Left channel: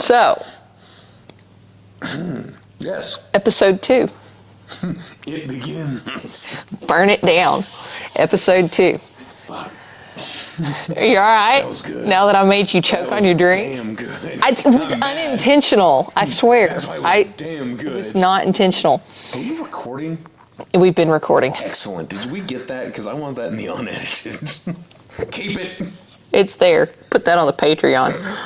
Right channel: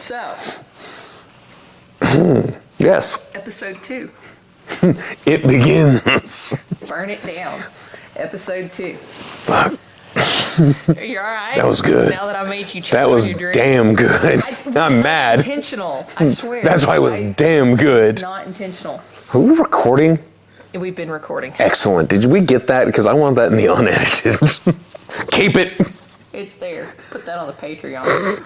So. Yes. Episode 2. It begins. Burn It Down. Episode 2. Fuck. Are you all right? That was good. Now that I made you choke on your drink. Damn good. I'm mad. Unintentional, I swear. That's why it was damn good. It's not intentional. Are we recording? We've been recording. Excellent. Did we get that? Because I want that in the unedited. Keep it. It's there. Put that on the Patreon.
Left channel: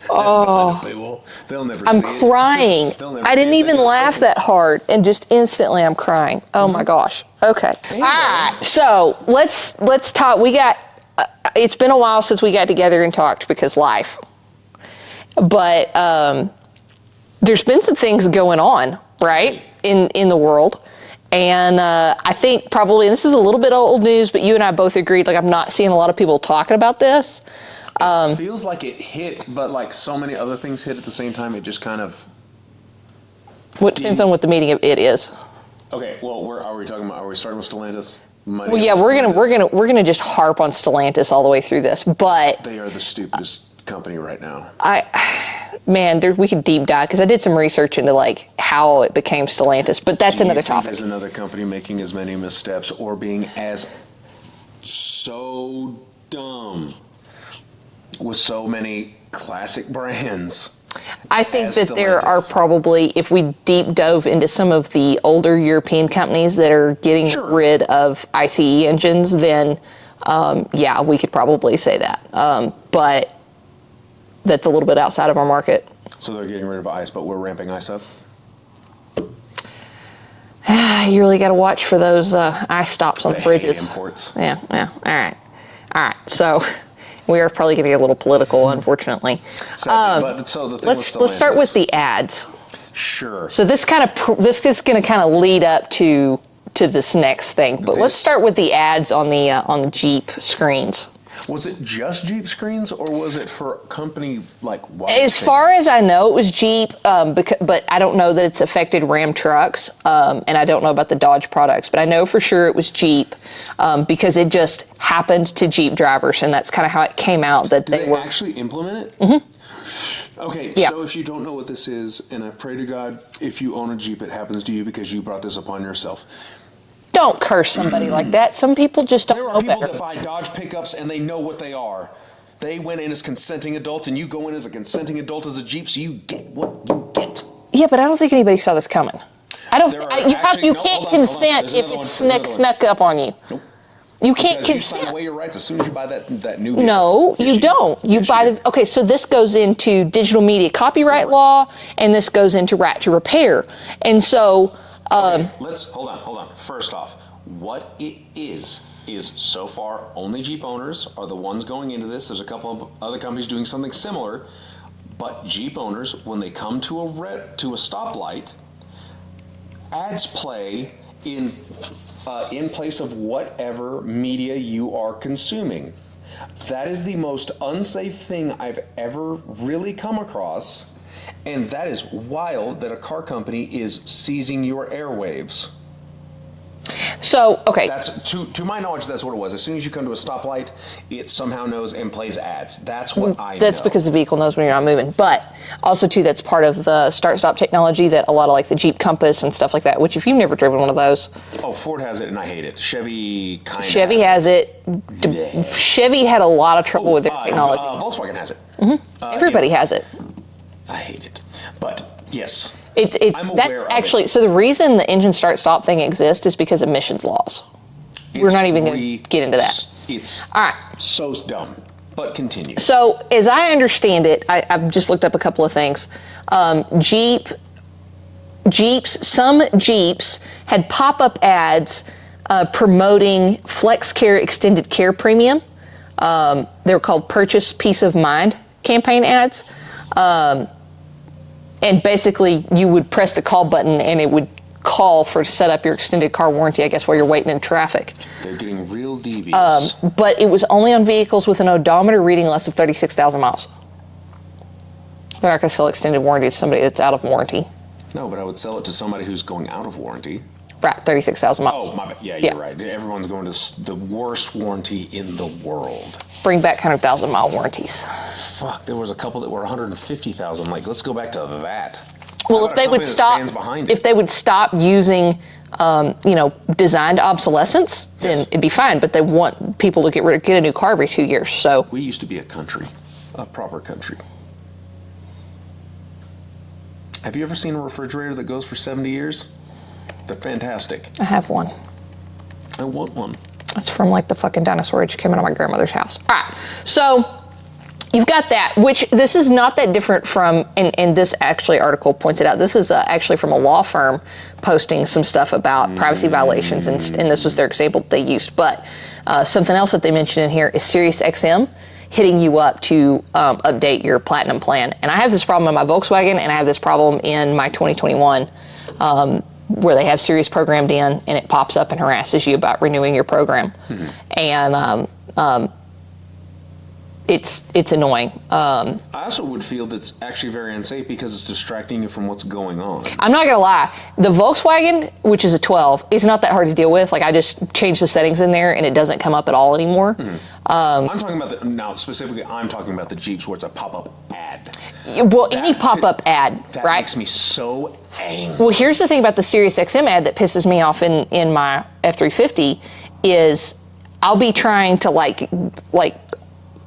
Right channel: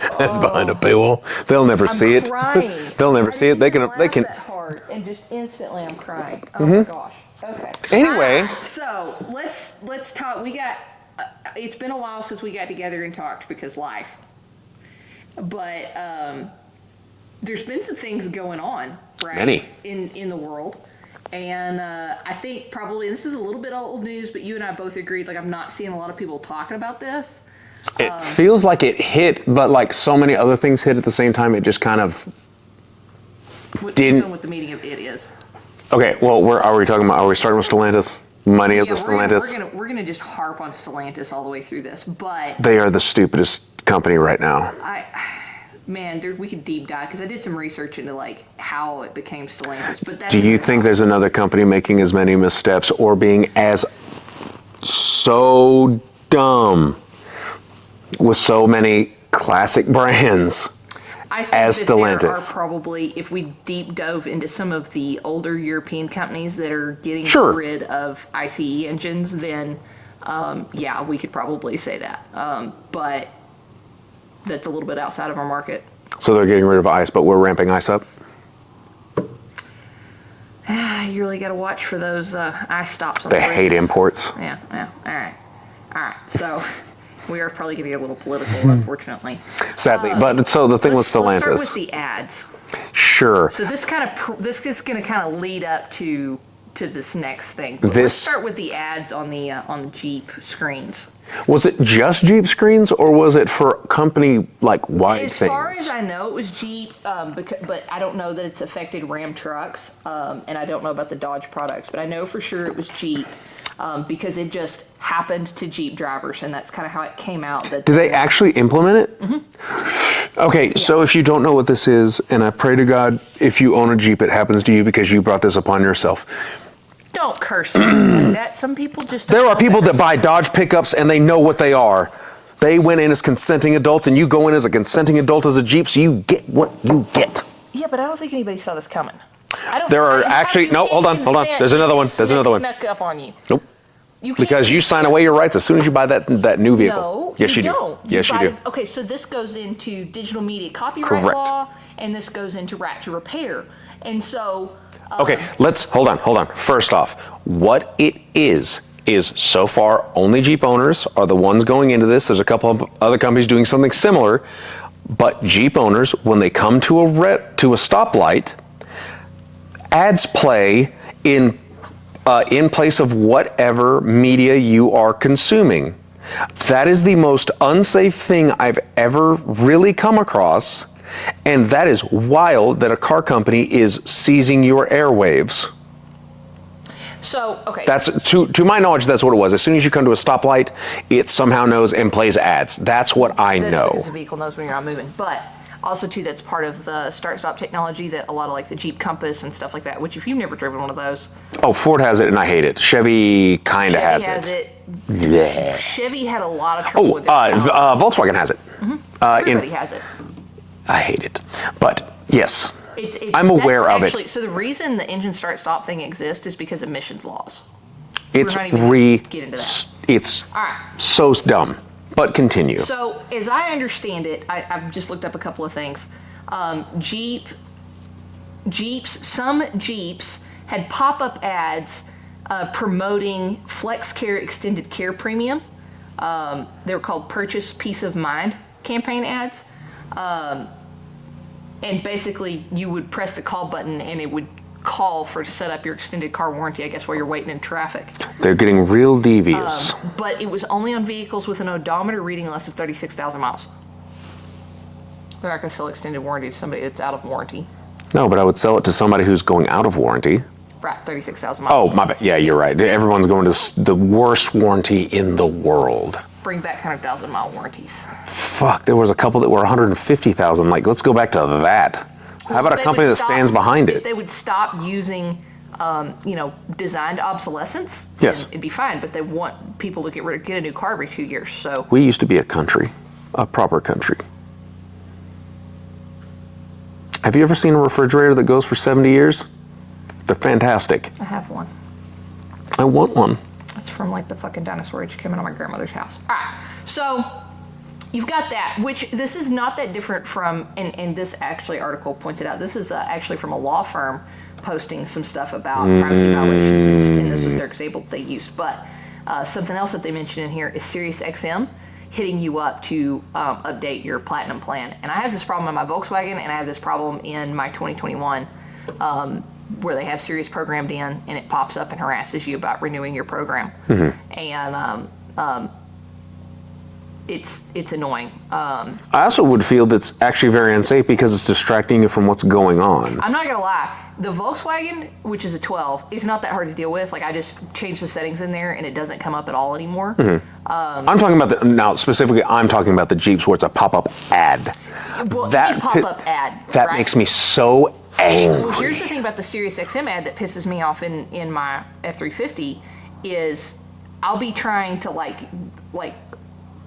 That's behind a paywall. They'll never see it. I'm crying. They'll never see it. I didn't even laugh that hard, and just instantly I'm crying. Oh my gosh. Okay. Anyway. All right, so let's talk. We got. It's been a while since we got together and talked because life. But there's been some things going on, right? In the world. And I think probably, and this is a little bit old news, but you and I both agreed, like, I'm not seeing a lot of people talking about this. It feels like it hit, but like so many other things hit at the same time, it just kind of... What depends on what the meaning of it is. Okay, well, are we starting with Stellantis? We're gonna just harp on Stellantis all the way through this, but... They are the stupidest company right now. We could deep dive, because I did some research into like how it became Stellantis, but that's another topic. Do you think there's another company making as many missteps or being as so dumb with so many classic brands? I think that Stellantis. There are probably, if we deep dove into some of the older European companies that are getting rid of ICE engines, then we could probably say that. But that's a little bit outside of our market. So they're getting rid of ICE, but we're ramping ICE up? You really got to watch for those ICE stops on the bridges. They hate imports. Yeah. All right. So we are probably getting a little political, unfortunately. Sadly. But so the thing with Stellantis. Let's start with the ads. Sure. So this is going to kind of lead up to this next thing. But let's start with the ads on the Jeep screens. Was it just Jeep screens, or was it for company like wide? As far as I know, it was Jeep, but I don't know that it's affected Ram trucks, and I don't know about the Dodge products, but I know for sure it was Jeep, because it just happened to Jeep drivers, and that's kind of how it came out. Did they actually implement it? Mm-hmm. Okay, yeah. So if you don't know what this is, and I pray to God, if you own a Jeep, it happens to you because you brought this upon yourself. Don't curse somebody like that. Some people just don't. There are people that buy Dodge pickups and they know what they are. They went in as consenting adults, and you go in as a consenting adult as a Jeep, so you get what you get. Yeah, but I don't think anybody saw this coming. Hold on. There's another one. Snuck up on you. Nope. You can't because you sign away your rights as soon as you buy that new vehicle. No, yes, you don't. You do. Okay, so this goes into digital media copyright law, and this goes into right to repair, and so. Okay, hold on. First off, what it is so far only Jeep owners are the ones going into this. There's a couple of other companies doing something similar, but Jeep owners, when they come to a stoplight, ads play in place of whatever media you are consuming. That is the most unsafe thing I've ever really come across. And that is wild that a car company is seizing your airwaves. So, okay. That's to my knowledge, that's what it was. As soon as you come to a stoplight, it somehow knows and plays ads. That's what I know. That's because the vehicle knows when you're not moving. But also, too, that's part of the start-stop technology that a lot of like the Jeep Compass and stuff like that, which if you've never driven one of those. Oh, Ford has it and I hate it. Chevy kind of has it. Chevy has it. Yeah. Chevy had a lot of trouble with it. Volkswagen has it. Mm-hmm. Everybody has it. I hate it. But yes, I'm aware of it. So the reason the engine start-stop thing exists is because of emissions laws. We're not even going to get into that. It's all right. So dumb. But continue. So as I understand it, I've just looked up a couple of things. Some Jeeps had pop-up ads promoting FlexCare Extended Care Premium. They were called Purchase Peace of Mind campaign ads. And basically, you would press the call button, and it would call to set up your extended car warranty, I guess, while you're waiting in traffic. They're getting real devious. But it was only on vehicles with an odometer reading less of 36,000 miles. They're not going to sell extended warranty to somebody that's out of warranty. No, but I would sell it to somebody who's going out of warranty. Right, 36,000 miles. Oh, my bad. Yeah, you're right. Everyone's going to the worst warranty in the world. Bring back 100,000 mile warranties. Fuck, there was a couple that were 150,000. Like, let's go back to that. Well, How about a company that stands behind it? If they would stop using, designed obsolescence, then it'd be fine. But they want people to get a new car every 2 years. So we used to be a country, a proper country. Have you ever seen a refrigerator that goes for 70 years? They're fantastic. I have one. I want one. It's from like the fucking dinosaur age. It came out of my grandmother's house. All right, so you've got that, which this is not that different from, and this actually article points it out, this is actually from a law firm posting some stuff about privacy violations, and this was their example they used. But something else that they mentioned in here is SiriusXM hitting you up to update your Platinum plan. And I have this problem in my Volkswagen, and I have this problem in my 2021 where they have Sirius programmed in, and it pops up and harasses you about renewing your program. And it's annoying. I also would feel that's actually very unsafe because it's distracting you from what's going on. I'm not gonna lie, the Volkswagen, which is a 12, is not that hard to deal with. Like, I just changed the settings in there and it doesn't come up at all anymore. I'm talking about now specifically. I'm talking about the Jeeps where it's a pop-up ad. Well, any pop-up ad, that right? makes me so angry. Well, here's the thing about the SiriusXM ad that pisses me off in my F350 is I'll be trying to like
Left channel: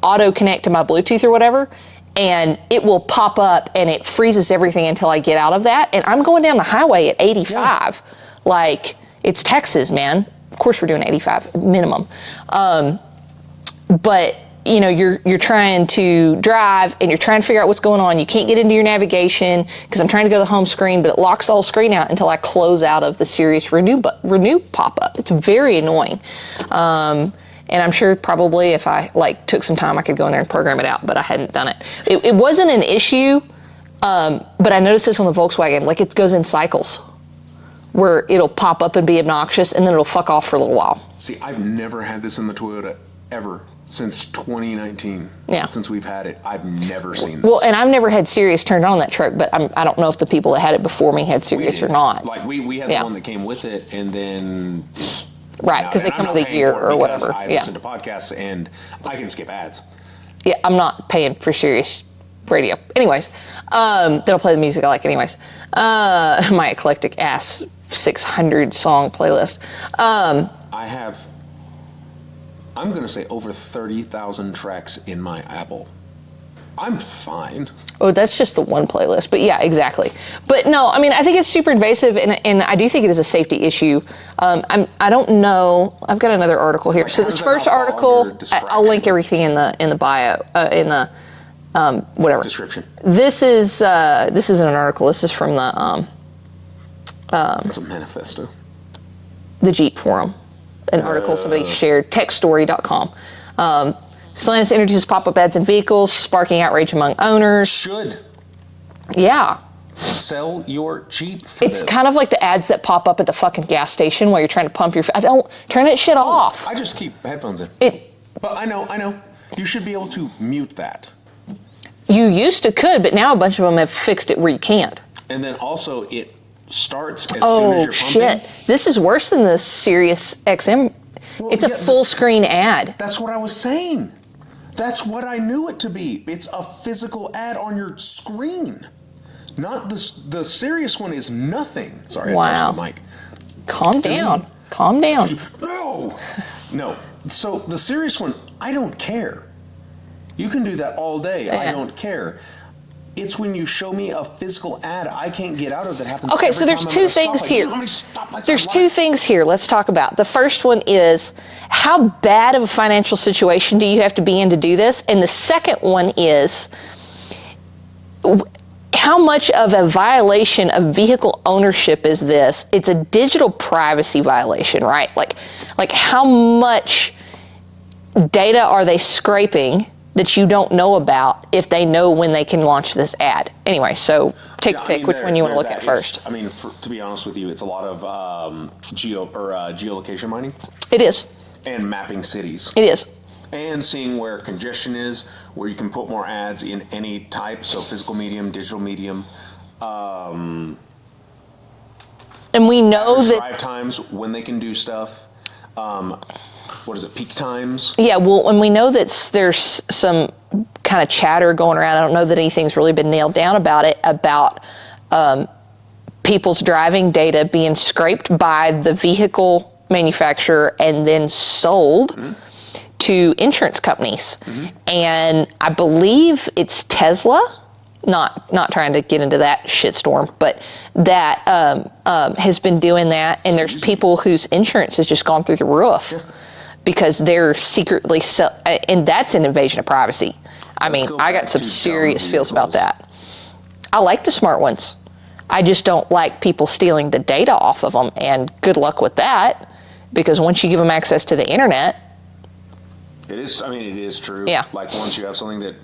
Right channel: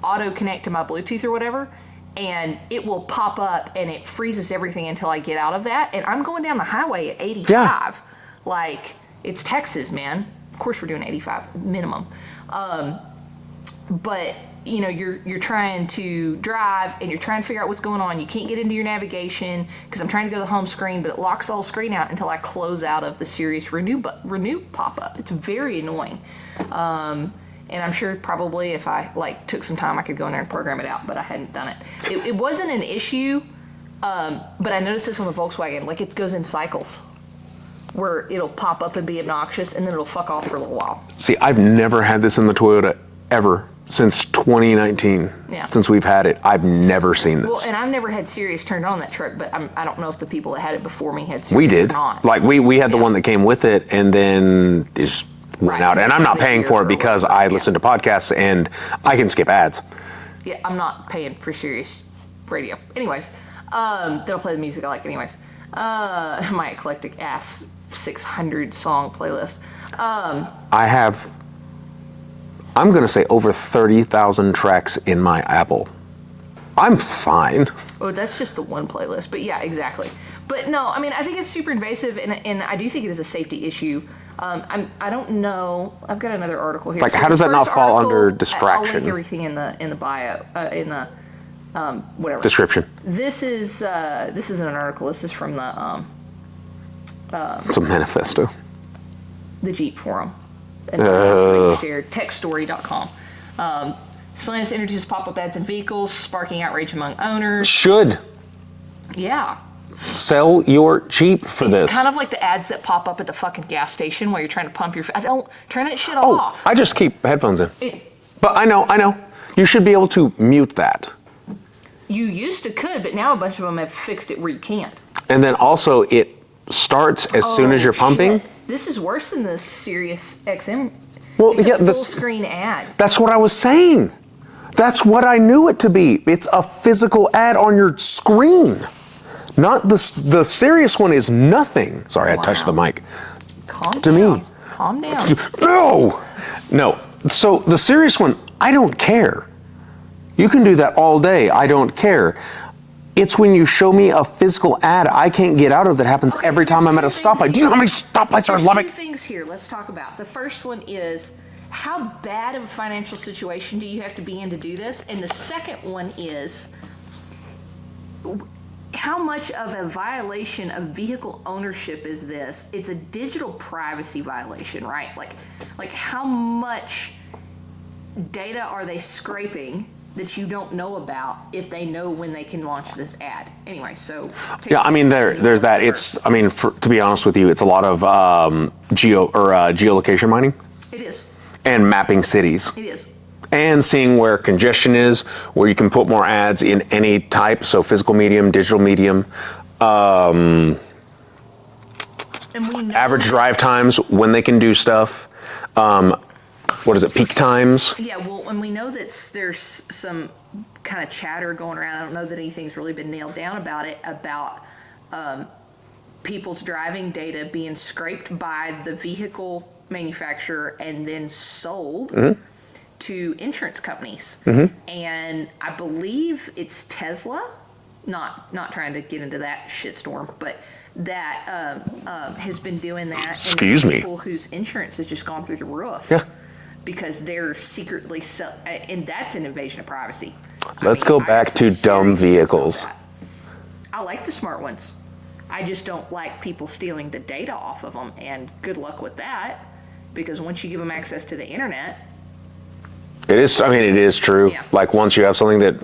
auto connect to my Bluetooth or whatever, and it will pop up and it freezes everything until I get out of that. And I'm going down the highway at 85. Yeah. Like, it's Texas, man. Of course we're doing 85 minimum. But you're trying to drive and you're trying to figure out what's going on. You can't get into your navigation because I'm trying to go to the home screen, but it locks the whole screen out until I close out of the Sirius renew pop-up. It's very annoying. And I'm sure probably if I took some time, I could go in there and program it out, but I hadn't done it. It wasn't an issue, but I noticed this on the Volkswagen. Like, it goes in cycles where it'll pop up and be obnoxious, and then it'll fuck off for a little while. See, I've never had this in the Toyota ever since 2019. Yeah. Since we've had it, I've never seen this. Well, and I've never had Sirius turned on that truck, but I don't know if the people that had it before me had Sirius or not. Like, we had the one that came with it, and then it's went out. And I'm not paying for it because I listen to podcasts and I can skip ads. Yeah, I'm not paying for Sirius radio. Anyways, they'll play the music I like anyways. My eclectic ass 600 song playlist. I have, I'm going to say over 30,000 tracks in my Apple. I'm fine. Oh, that's just the one playlist. But yeah, exactly. But no, I mean, I think it's super invasive, and I do think it is a safety issue. I don't know. I've got another article here. Like, so how does that not fall under distraction? I'll link everything in the bio, in the whatever description. This isn't an article. This is from the it's a manifesto. The Jeep forum. An article somebody shared. Techstory.com. Stellantis introduces pop-up ads in vehicles, sparking outrage among owners. Should. Yeah. Sell your Jeep for this. It's kind of like the ads that pop up at the fucking gas station while you're trying to pump your... Don't turn that shit off. I just keep headphones in. But I know. You should be able to mute that. You used to could, but now a bunch of them have fixed it where you can't. And then also it starts as soon as you're pumping. Shit. This is worse than the Sirius XM. Well, it's a full screen ad. That's what I was saying. That's what I knew it to be. It's a physical ad on your screen. Not the Sirius one is nothing. Sorry, I touched the mic. Calm down. Calm down. No. So the Sirius one, I don't care. You can do that all day. I don't care. It's when you show me a physical ad I can't get out of that happens every time I'm at a stoplight. Do you know how many stoplights There's two things here let's talk about. The first one is, how bad of a financial situation do you have to be in to do this? And the second one is, how much of a violation of vehicle ownership is this? It's a digital privacy violation, right? Like how much data are they scraping that you don't know about if they know when they can launch this ad? Anyway, so take a pick which one you want to look at first. To be honest with you, it's a lot of geolocation mining. It is. And mapping cities. It is. And seeing where congestion is, where you can put more ads in any type, so physical medium, digital medium. And we know average drive times, when they can do stuff. What is it, peak times? Yeah, well, and we know that there's some kind of chatter going around. I don't know that anything's really been nailed down about it, about people's driving data being scraped by the vehicle manufacturer and then sold to insurance companies. And I believe it's Tesla, not trying to get into that shitstorm, but that has been doing that. And there's people whose insurance has just gone through the roof because they're secretly, and that's an invasion of privacy. I got some serious feels about that. I like the smart ones. I just don't like people stealing the data off of them, and good luck with that, because once you give them access to the internet. It is true. Yeah. Like once you have something that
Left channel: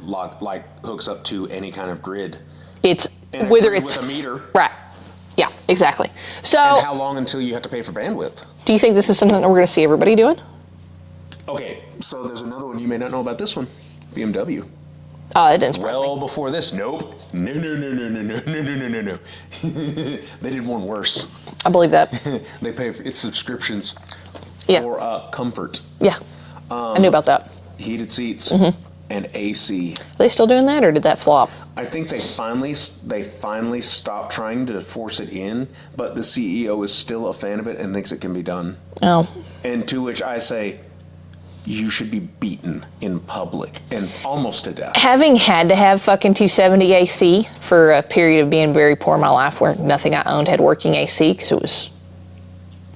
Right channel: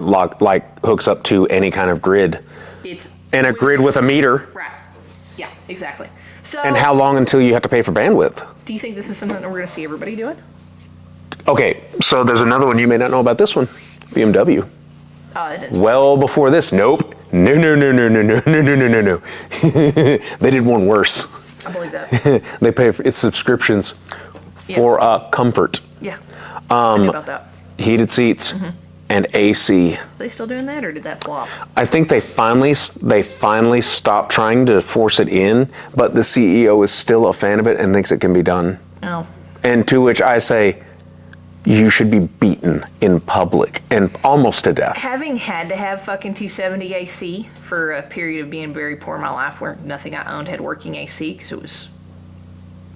hooks up to any kind of grid. It's and a grid with a meter. Right. Yeah, exactly. So. And how long until you have to pay for bandwidth? Do you think this is something that we're going to see everybody doing? Okay, so there's another one. You may not know about this one. BMW. It didn't. Well before this. Nope. No. They did one worse. I believe that. They pay for its subscriptions for comfort. Yeah. I knew about that. Heated seats and AC. Are they still doing that, or did that flop? I think they finally stopped trying to force it in, but the CEO is still a fan of it and thinks it can be done. Oh. And to which I say, you should be beaten in public and almost to death. Having had to have fucking 270 AC for a period of being very poor in my life where nothing I owned had working AC because it was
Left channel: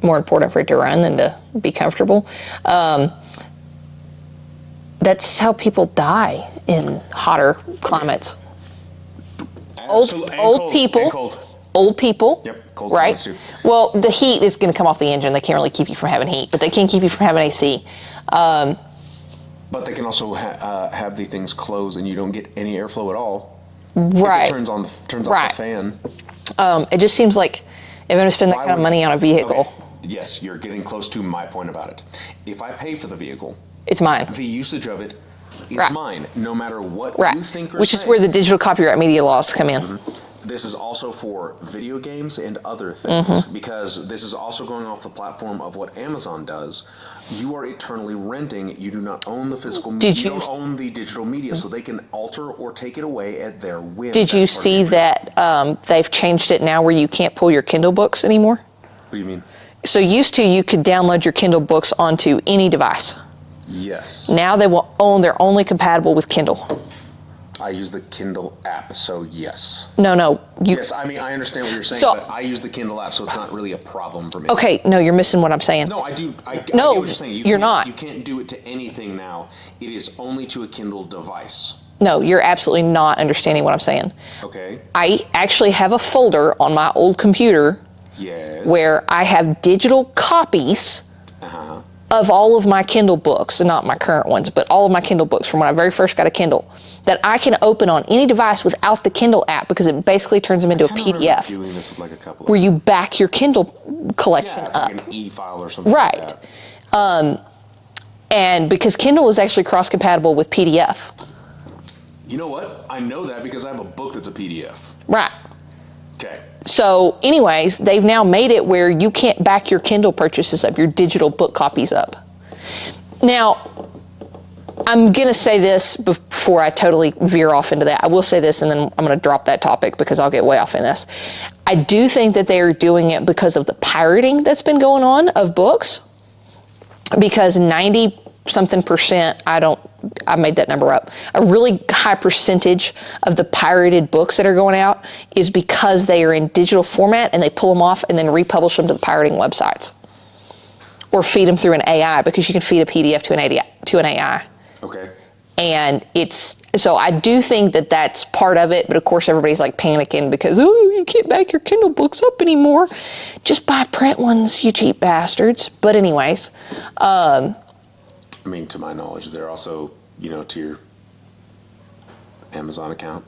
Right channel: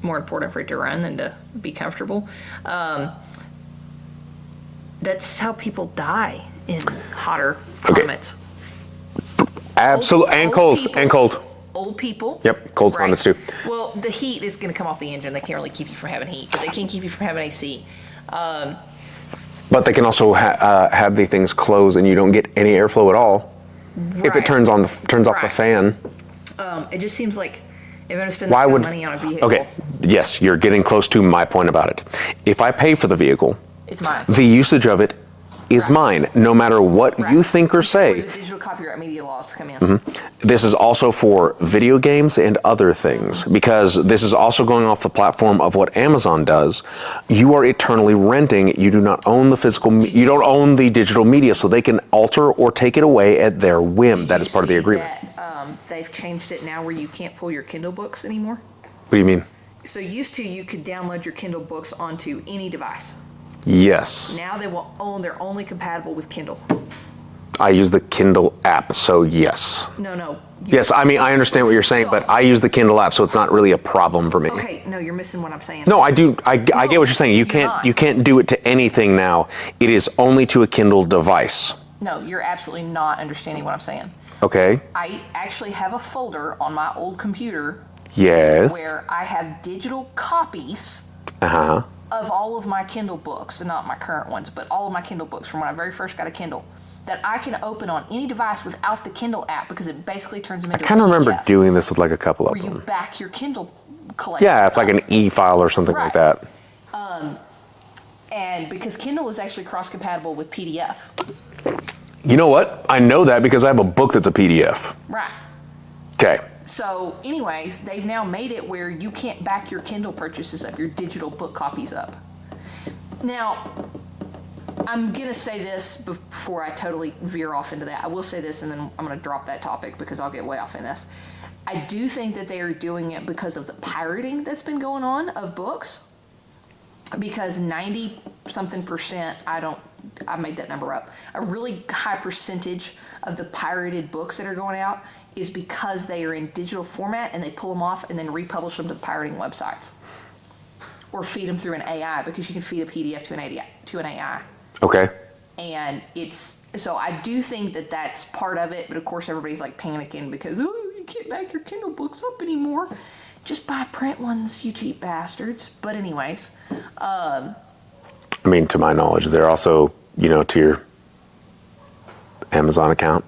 more important for it to run than to be comfortable. That's how people die in hotter climates. Absolutely. And cold. Old people. Yep, cold climates too. Well, the heat is going to come off the engine. They can't really keep you from having heat, but they can keep you from having AC. But they can also have the things close and you don't get any airflow at all. If it turns off the fan. It just seems like if I'm going to spend that kind of money on a vehicle. Okay, yes, you're getting close to my point about it. If I pay for the vehicle, it's mine. The usage of it is mine, no matter what you think or say. Which is where the digital copyright media laws come in. This is also for video games and other things, because this is also going off the platform of what Amazon does. You are eternally renting. You do not own the physical media. You don't own the digital media, so they can alter or take it away at their whim. Did you see that they've changed it now where you can't pull your Kindle books anymore? What do you mean? So used to, you could download your Kindle books onto any device. Yes. Now they're only compatible with Kindle. I use the Kindle app, so yes. No. Yes, I understand what you're saying, but I use the Kindle app, so it's not really a problem for me. Okay, no, you're missing what I'm saying. No, I do. I get what you're saying. You can't do it to anything now. It is only to a Kindle device. No, you're absolutely not understanding what I'm saying. Okay. I actually have a folder on my old computer. Yes. Where I have digital copies. Of all of my Kindle books, not my current ones, but all of my Kindle books from when I very first got a Kindle, that I can open on any device without the Kindle app because it basically turns them into a PDF. I kind of remember doing this with like a couple of where you back your Kindle collection. Yeah, it's like an e-file or something like that. And because Kindle is actually cross-compatible with PDF. You know what? I know that because I have a book that's a PDF. Right. Okay. So anyways, they've now made it where you can't back your Kindle purchases up, your digital book copies up. Now, I'm going to say this before I totally veer off into that. I will say this, and then I'm going to drop that topic because I'll get way off in this. I do think that they're doing it because of the pirating that's been going on of books, because 90-something%, I made that number up, a really high percentage of the pirated books that are going out is because they are in digital format and they pull them off and then republish them to the pirating websites. Or feed them through an AI, because you can feed a PDF to an AI. Okay. And so I do think that that's part of it, but of course everybody's like panicking because, you can't back your Kindle books up anymore. Just buy print ones, you cheap bastards. But anyways, to my knowledge, they're also, to your Amazon account.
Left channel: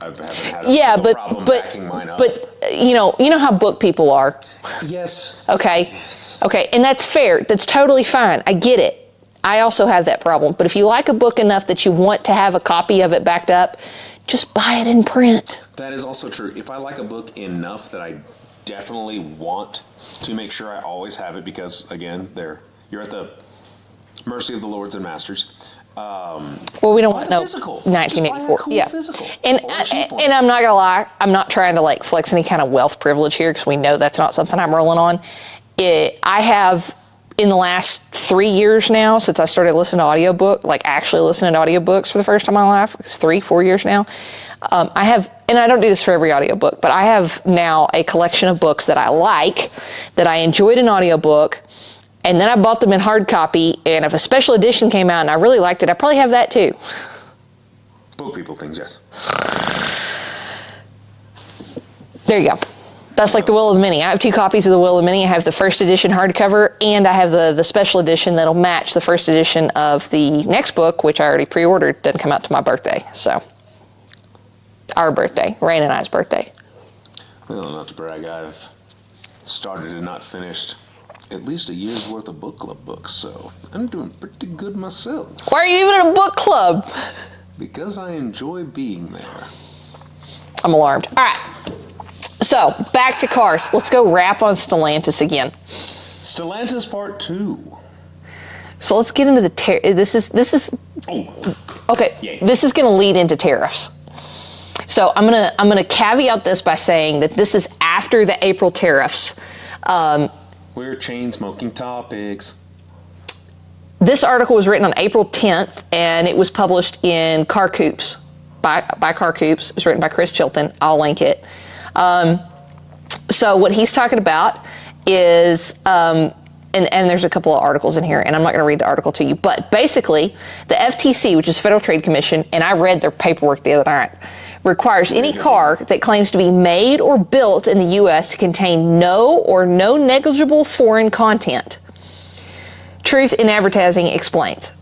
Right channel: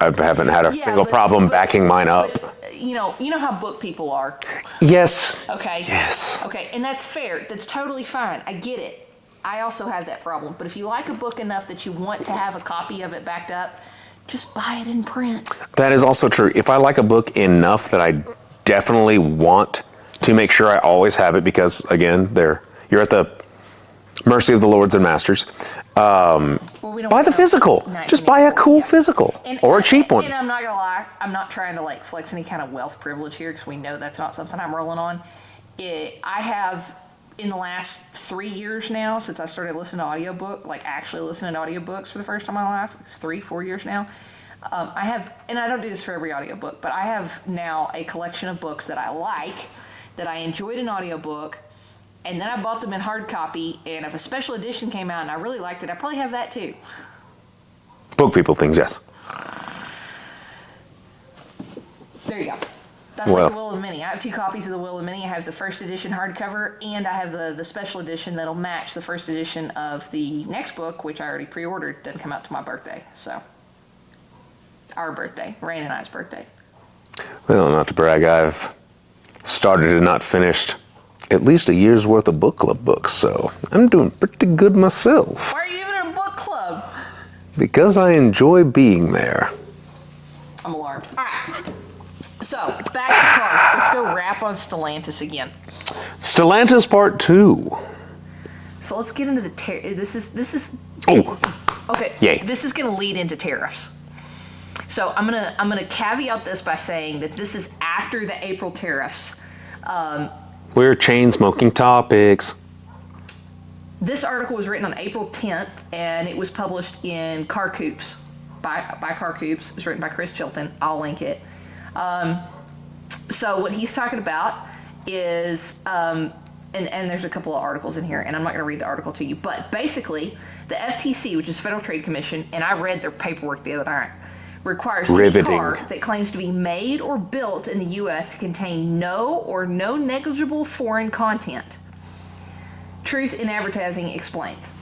I haven't had a single problem backing mine up. But you know how book people are. Yes. Okay. Yes. Okay, and that's fair. That's totally fine. I get it. I also have that problem. But if you like a book enough that you want to have a copy of it backed up, just buy it in print. That is also true. If I like a book enough that I definitely want to make sure I always have it because, again, you're at the mercy of the lords and masters. Well, we don't buy the physical. Just buy a cool physical or a cheap one. And I'm not gonna lie, I'm not trying to like flex any kind of wealth privilege here because we know that's not something I'm rolling on. I have in the last 3 years now since I started listening to audiobook, like actually listening to audiobooks for the first time in my life. It's 3-4 years now. I have, and I don't do this for every audiobook, but I have now a collection of books that I like, that I enjoyed an audiobook. And then I bought them in hard copy, and if a special edition came out and I really liked it, I probably have that too. Book people things, yes. There you go. That's like the Will of the Mini. I have 2 copies of the Will of the Mini. I have the first edition hardcover, and I have the special edition that'll match the first edition of the next book, which I already pre-ordered. Doesn't come out to my birthday, so. Our birthday, Rain and I's birthday. Well, not to brag, I've started and not finished at least a year's worth of book club books, so I'm doing pretty good myself. Why are you even in a book club? Because I enjoy being there. I'm alarmed. All right, so back to cars. Let's go wrap on Stellantis again. Stellantis Part 2. So let's get into the this is. Oh. Okay. Yay. This is going to lead into tariffs. So I'm gonna caveat this by saying that this is after the April tariffs. We're chain smoking topics. This article was written on April 10th, and it was published in Car Coops, by Car Coops. It was written by Chris Chilton. I'll link it. So what he's talking about is, and there's a couple of articles in here, and I'm not going to read the article to you, but basically, the FTC, which is Federal Trade Commission, and I read their paperwork the other night, requires any car that claims to be made or built in the U.S. to contain no or no negligible foreign content. Truth in Advertising explains.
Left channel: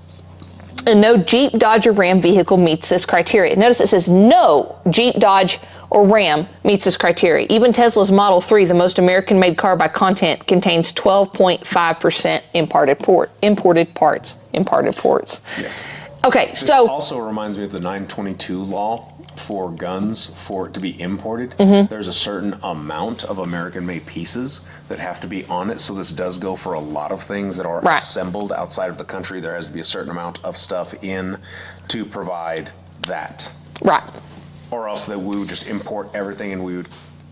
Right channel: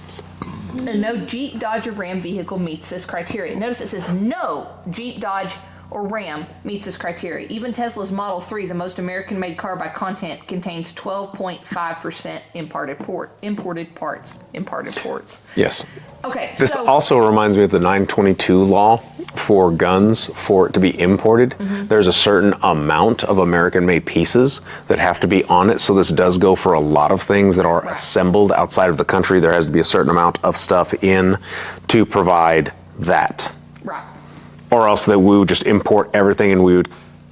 And no Jeep, Dodge, or Ram vehicle meets this criteria. Notice it says no Jeep, Dodge, or Ram meets this criteria. Even Tesla's Model 3, the most American-made car by content, contains 12.5% imported parts. Yes. Okay, this also reminds me of the 922 law for guns. For it to be imported, there's a certain amount of American-made pieces that have to be on it. So this does go for a lot of things that are assembled outside of the country. There has to be a certain amount of stuff in to provide that. Right. Or else that we would just import everything and we would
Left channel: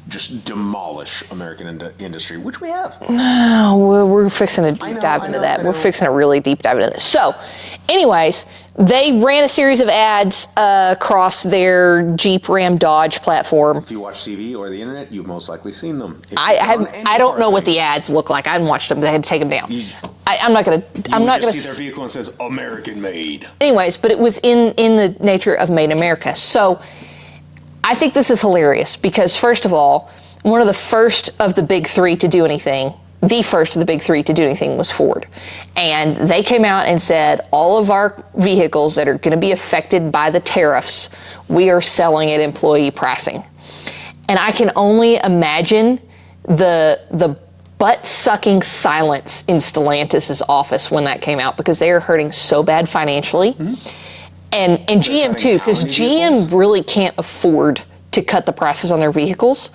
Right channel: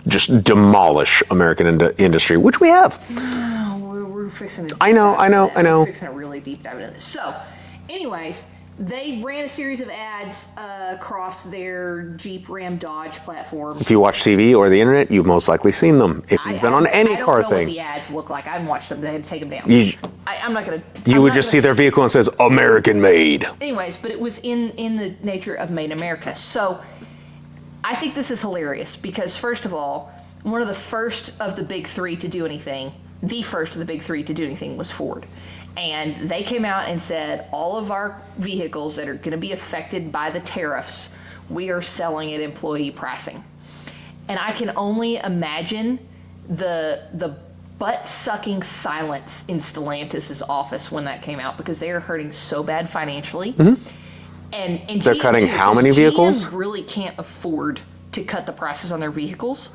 just demolish American industry, which we have. We're fixing a deep dive into that. I know. We're fixing a really deep dive into this. So, anyways, they ran a series of ads across their Jeep, Ram, Dodge platform. If you watch TV or the internet, you've most likely seen them. If you've been on any I don't know thing, what the ads look like. I haven't watched them. They had to take them down. I'm not going to. You would just see their vehicle and it says American made. Anyways, but it was in the nature of Made in America. So I think this is hilarious because, first of all, one of the first of the big three to do anything, was Ford. And they came out and said, all of our vehicles that are going to be affected by the tariffs, we are selling at employee pricing. And I can only imagine the butt-sucking silence in Stellantis' office when that came out because they are hurting so bad financially. And GM too, because GM really can't afford to cut the prices on their vehicles.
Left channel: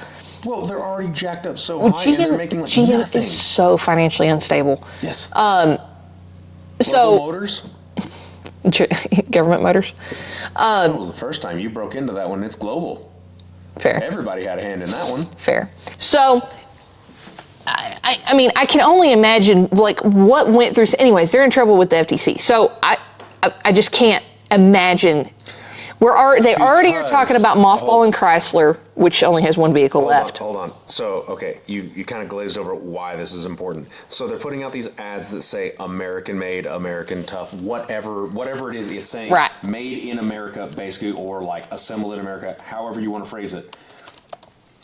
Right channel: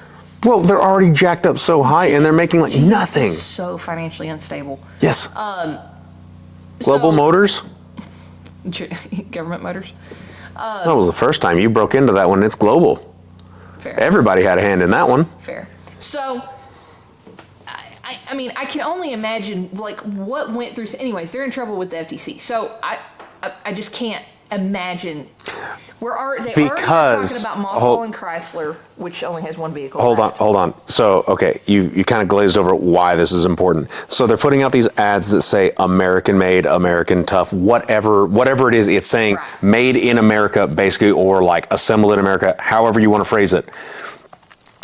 Well, they're already jacked up so high, and they're making like GM nothing. Is so financially unstable. Yes. Global Motors? Government Motors? That was the first time you broke into that one. It's global. Fair. Everybody had a hand in that one. Fair. So, I mean, I can only imagine, like, what went through. Anyways, they're in trouble with the FTC. So, I just can't imagine. They already are talking about mothballing Chrysler, which only has one vehicle left. Hold on. So, okay, you kind of glazed over why this is important. So they're putting out these ads that say American made, American tough, whatever it is, it's saying made in America, basically, or like assembled in America, however you want to phrase it.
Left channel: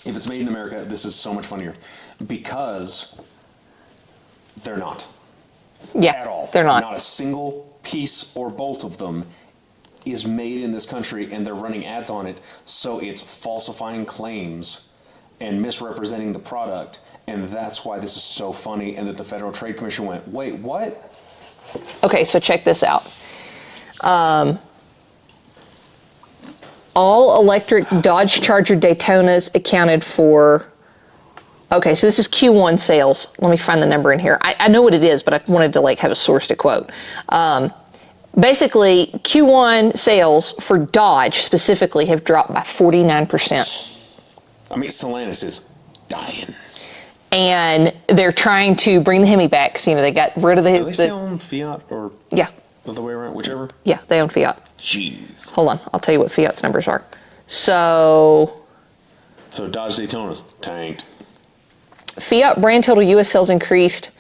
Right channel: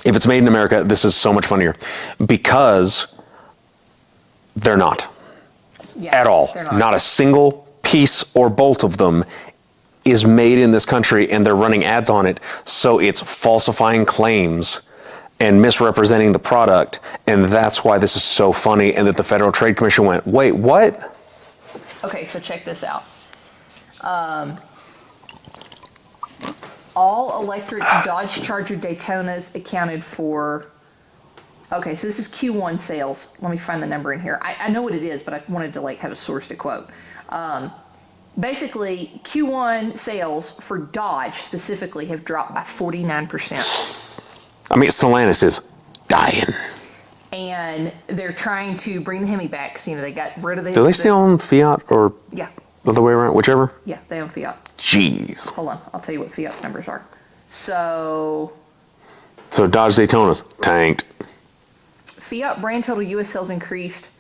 If it's made in America, this is so much funnier because they're not. Yeah, at all. They're not. Not a single piece or bolt of them is made in this country, and they're running ads on it, so it's falsifying claims and misrepresenting the product, and that's why this is so funny, and that the Federal Trade Commission went, wait, what? Okay, so check this out. All electric Dodge Charger Daytonas accounted for Okay, so this is Q1 sales. Let me find the number in here. I know what it is, but I wanted to have a source to quote. Basically, Q1 sales for Dodge specifically have dropped by 49%. I mean, Stellantis is dying. And they're trying to bring the Hemi back. So, they got rid of the... Do they still own Fiat or Yeah. the other way around? Whichever? Yeah, they own Fiat. Jeez. Hold on. I'll tell you what Fiat's numbers are. So Dodge Daytona's tanked. Fiat brand total U.S. sales increased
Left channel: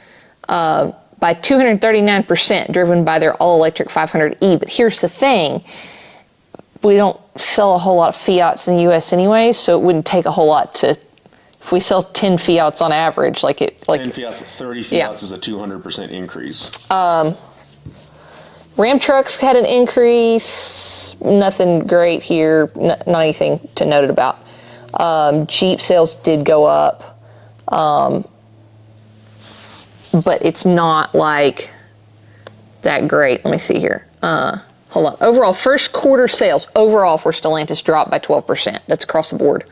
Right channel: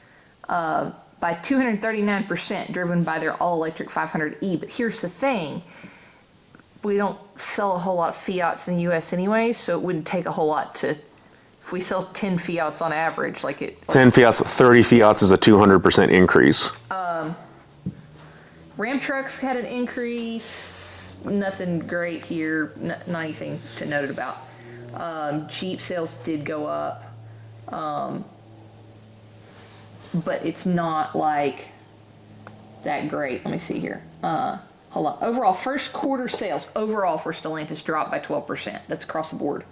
by 239%, driven by their all-electric 500e. But here's the thing. We don't sell a whole lot of Fiats in the U.S. anyway, so it wouldn't take a whole lot to... If we sell 10 Fiats on average, 10 Fiats, 30 Fiats is a 200% increase. Ram trucks had an increase. Nothing great here. Not anything to note about. Jeep sales did go up. But it's not that great. Let me see here. Hold on. Overall, first quarter sales overall for Stellantis dropped by 12%. That's across the board.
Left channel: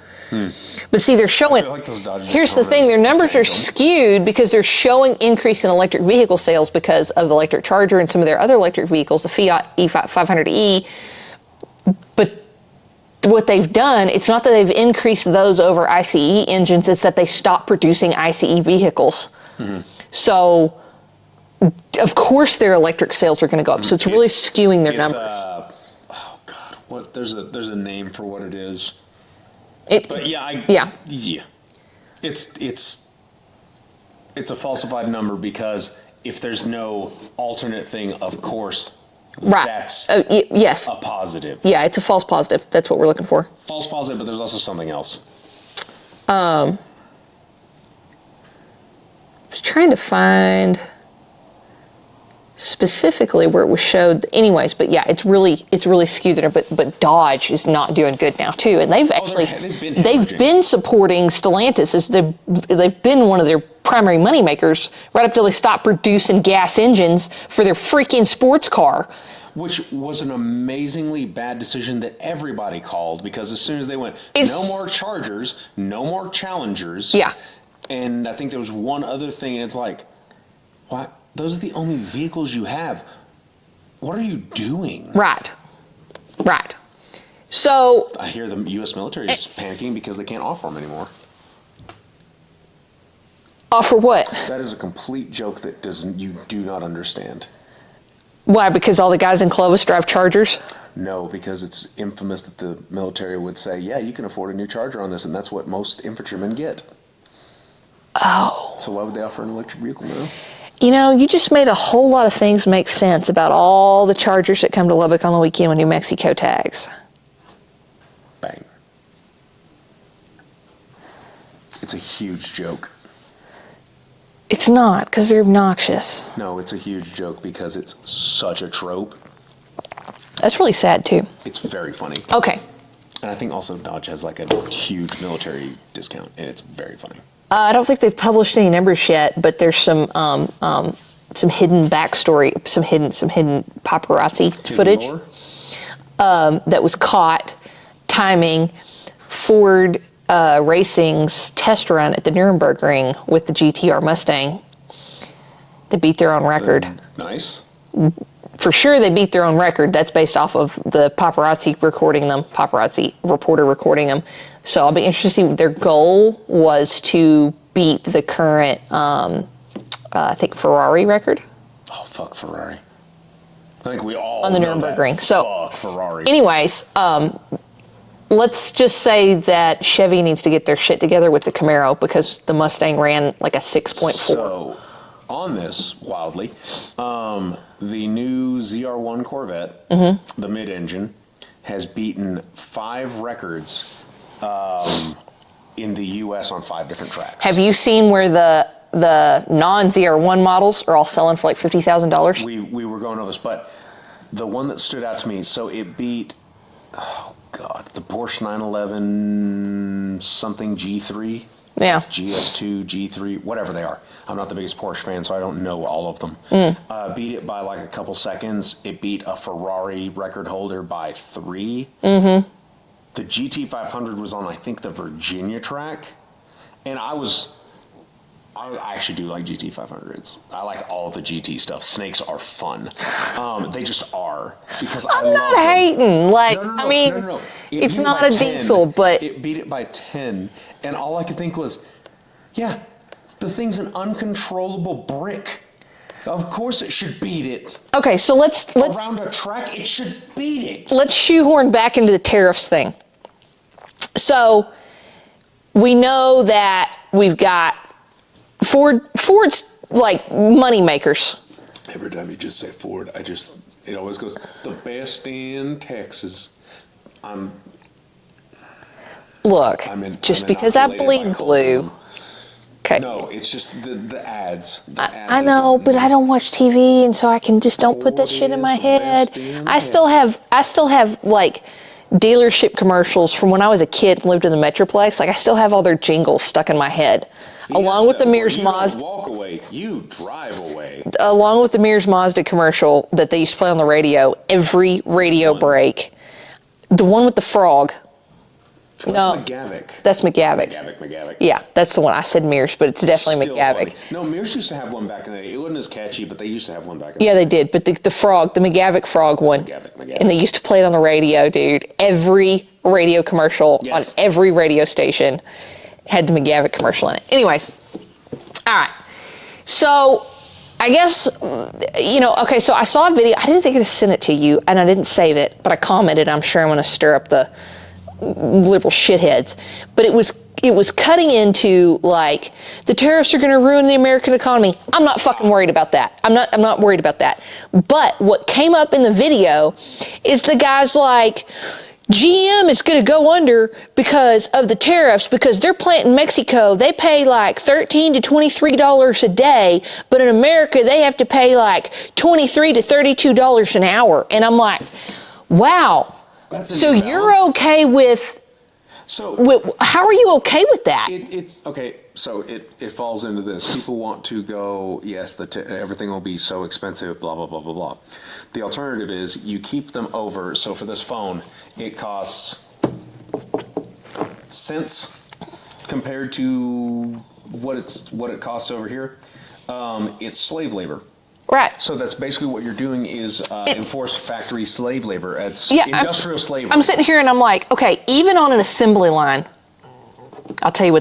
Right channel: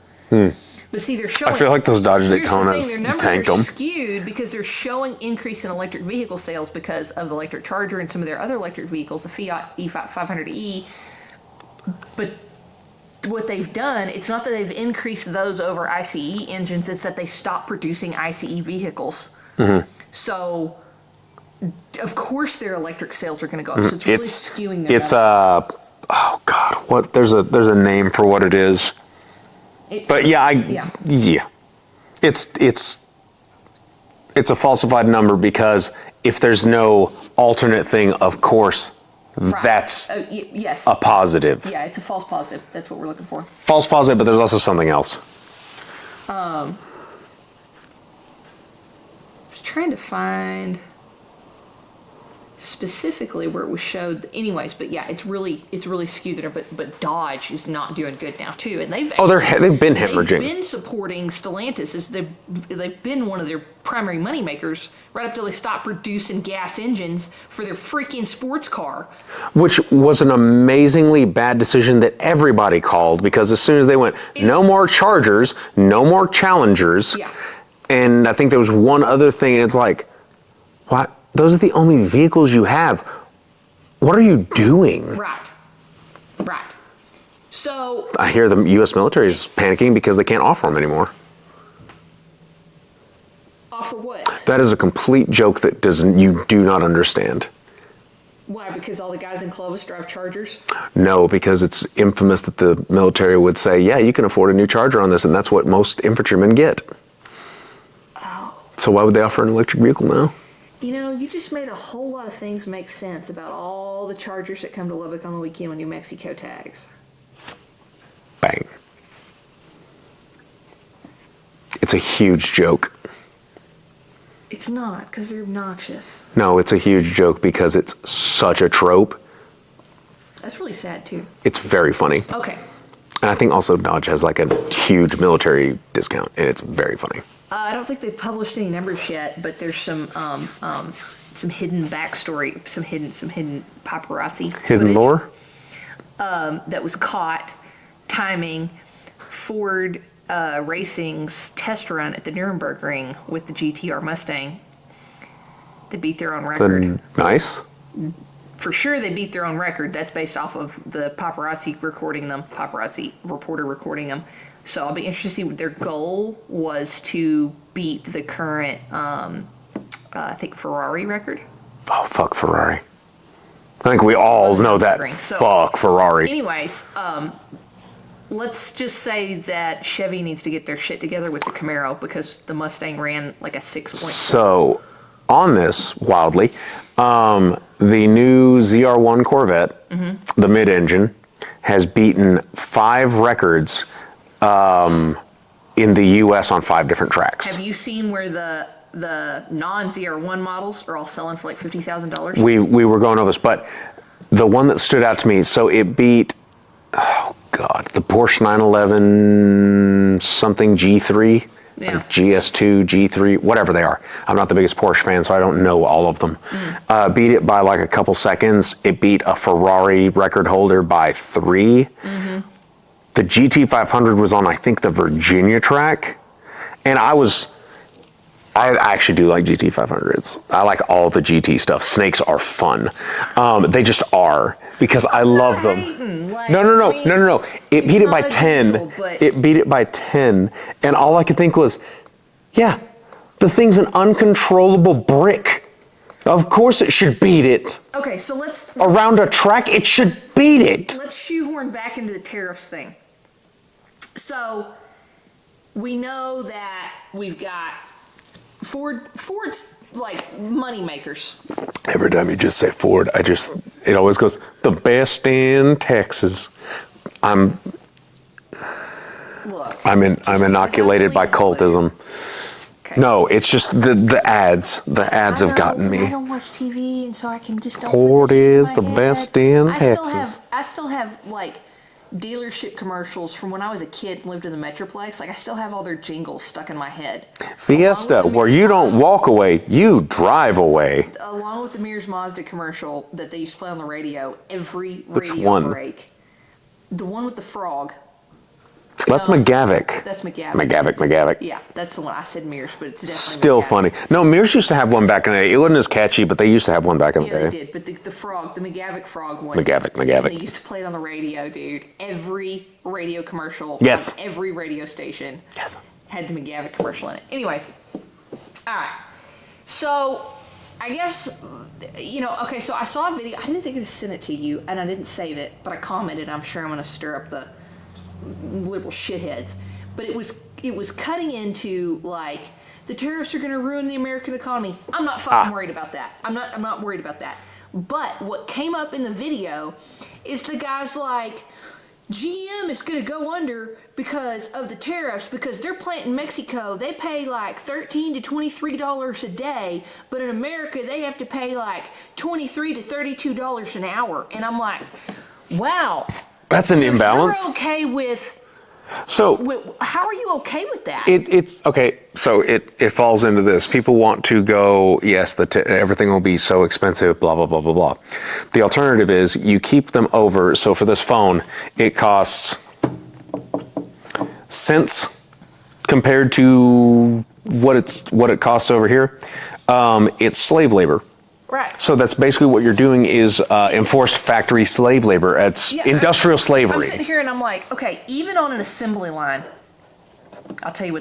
But see, they're showing... I feel like those Dodge Daytonas Here's the thing. Their numbers are tanked 'em. skewed because they're showing increase in electric vehicle sales because of the electric Charger and some of their other electric vehicles, the Fiat E500e. But what they've done, it's not that they've increased those over ICE engines, it's that they stopped producing ICE vehicles. Mm-hmm. So, of course, their electric sales are going to go up. So it's really skewing their numbers. Oh God, what? There's a name for what it is. But yeah. It's a falsified number because if there's no alternate thing, of course, that's yes. a positive. Yeah, it's a false positive. That's what we're looking for. False positive, but there's also something else. I was trying to find specifically where it was showed anyways, but yeah, it's really skewed there, but Dodge is not doing good now too, and they've been hemorrhaging. They've been supporting Stellantis as they've been one of their primary moneymakers right up till they stopped producing gas engines for their freaking sports car, which was an amazingly bad decision that everybody called, because as soon as they went no more Chargers, no more Challengers, and I think there was one other thing, and it's like, what? Those are the only vehicles you have. What are you doing? Right. So I hear the U.S. military is panicking because they can't offer them anymore. Offer what? That is a complete joke that you do not understand. Why? Because all the guys in Clovis drive Chargers? No, because it's infamous that the military would say, yeah, you can afford a new Charger on this, and that's what most infantrymen get. Oh. So why would they offer an electric vehicle now? You just made a whole lot of things make sense about all the Chargers that come to Lubbock on the weekend with New Mexico tags. Bang. It's a huge joke. It's not, because they're obnoxious. No, it's a huge joke because it's such a trope. That's really sad, too. It's very funny. Okay. And I think also Dodge has a huge military discount, and it's very funny. I don't think they've published any numbers yet, but there's some hidden backstory, some hidden paparazzi footage Lore? That was caught timing Ford Racing's test run at the Nuremberg Ring with the GTR Mustang. They beat their own record. Nice. For sure, they beat their own record. That's based off of the paparazzi reporter recording them. So I'll be interested to see. Their goal was to beat the current, I think, Ferrari record. Oh, fuck Ferrari. I think we all know that. Fuck Ferrari. Anyways, let's just say that Chevy needs to get their shit together with the Camaro because the Mustang ran like a 6.4. So, on this, wildly, the new ZR1 Corvette, the mid-engine, has beaten 5 records in the U.S. on 5 different tracks. Have you seen where the non-ZR1 models are all selling for like $50,000? We were going over this, but the one that stood out to me, so it beat, oh God, the Porsche 911 something G3. Yeah. Like GS2, G3, whatever they are. I'm not the biggest Porsche fan, so I don't know all of them. Beat it by like a couple seconds. It beat a Ferrari record holder by 3. The GT500 was on, I think, the Virginia track. And I was I actually do like GT500s. I like all the GT stuff. Snakes are fun. They just are because I love them. Hating. Like, No. I mean, No. It it's beat it not by a 10. diesel, but It beat it by 10. And all I could think was, yeah, the thing's an uncontrollable brick. Of course it should beat it. okay, so let's Around a track, it should beat it. let's shoehorn back into the tariffs thing. So we know that we've got Ford's like money makers. Every time you just say Ford, it always goes, the best in Texas. I'm inoculated by cultism. Okay. No, it's just the ads. The ads have gotten but me. I don't watch TV, and so I can just don't put that shit in my Ford is the head. best in I still Texas. have like dealership commercials from when I was a kid and lived in the Metroplex. Like I still have all their jingles stuck in my head. Fiesta, where you don't walk away, you drive away. Along with the Mears Mazda commercial that they used to play on the radio every radio break. The one with the frog. That's No, McGavick. That's McGavick. McGavick. Yeah, that's the one. I said Mears, but it's definitely Still McGavick. funny. No, Mears used to have one back in the day. It wasn't as catchy, but they used to have one back in the day. Yeah, they did. But the frog, the McGavick frog one. McGavick. And they used to play it on the radio, dude. Every radio commercial on every radio station had the McGavick commercial in it. Anyways, all right. So I guess, okay, so I saw a video. I didn't think I'd send it to you, and I didn't save it, but I commented. I'm sure I'm going to stir up the liberal shitheads. But it was cutting into like the tariffs are going to ruin the American economy. I'm not fucking worried about that. I'm not worried about that. But what came up in the video is the guy's like, GM is going to go under because of the tariffs, because their plant in Mexico, they pay like $13 to $23 a day, but in America they have to pay like $23 to $32 an hour. And I'm like, wow. That's an imbalance. So you're okay with? How are you okay with that? It's okay. So it falls into this. People want to go, yes, everything will be so expensive, blah, blah, blah, blah, blah. The alternative is you keep them over. So for this phone, it costs cents compared to what it costs over here. It's slave labor. Right. So that's basically what you're doing is enforced factory slave labor. It's industrial slavery. I'm sitting here and I'm like, okay, even on an assembly line, I'll tell you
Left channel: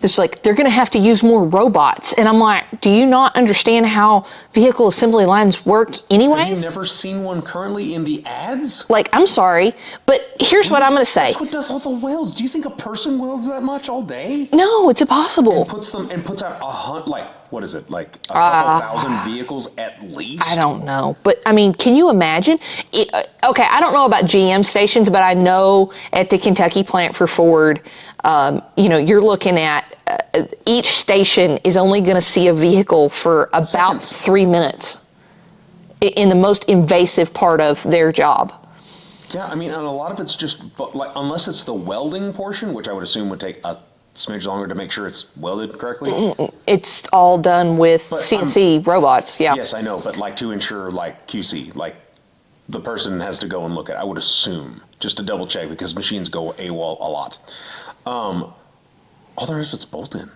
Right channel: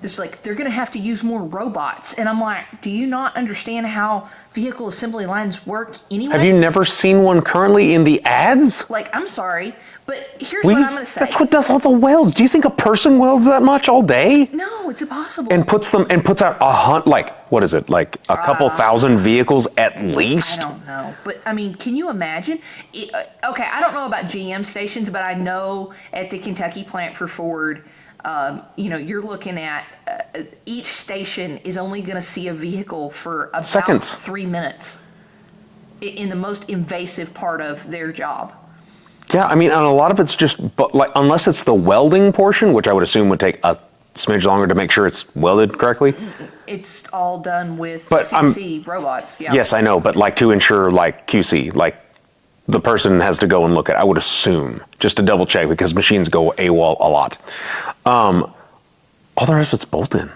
there's like, they're going to have to use more robots. And I'm like, do you not understand how vehicle assembly lines work anyways? Have you never seen one currently in the ads? Like, I'm sorry, but here's what I'm going to say. That's what does all the welds. Do you think a person welds that much all day? No, it's impossible. And puts out what is it, like a couple thousand vehicles at least? I don't know. But, I mean, can you imagine? Okay, I don't know about GM stations, but I know at the Kentucky plant for Ford, you're looking at each station is only going to see a vehicle for about seconds. 3 minutes in the most invasive part of their job. Yeah, I mean, and a lot of it's just, unless it's the welding portion, which I would assume would take a smidge longer to make sure it's welded correctly. It's all done with CNC robots, yeah. Yes, I know, but to ensure QC, the person has to go and look at it, I would assume, just to double check, because machines go AWOL a lot. All the rest of it's bolt-in.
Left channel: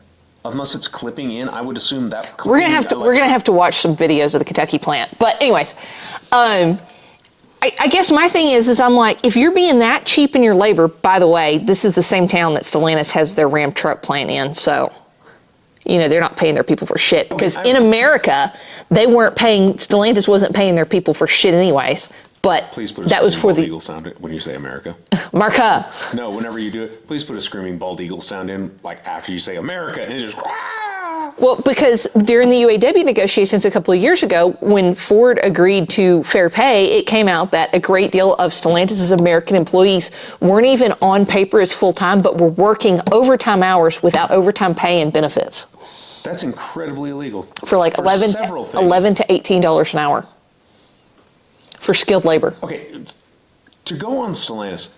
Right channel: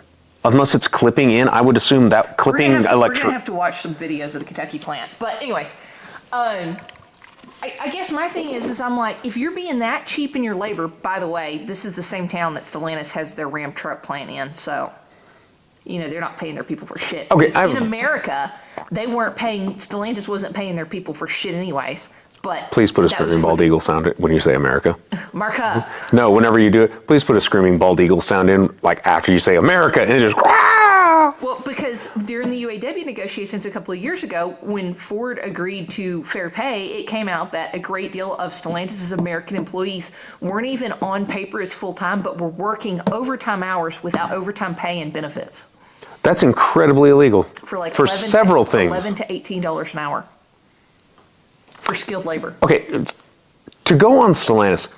Unless it's clipping in, I would assume that clipping... We're going to have to watch some videos of the Kentucky plant. But anyways, I guess my thing is I'm like, if you're being that cheap in your labor, by the way, this is the same town that Stellantis has their Ram truck plant in, so, they're not paying their people for shit. Because in America, Stellantis wasn't paying their people for shit anyways. But please put a screaming bald eagle sound when you say America. Marca. No, whenever you do it, please put a screaming bald eagle sound in, after you say America, and it just... Well, because during the UAW negotiations a couple of years ago, when Ford agreed to fair pay, it came out that a great deal of Stellantis' American employees weren't even on paper as full-time, but were working overtime hours without overtime pay and benefits. That's incredibly illegal. For several things. $11 to $18 an hour. For skilled labor. Okay, to go on Stellantis.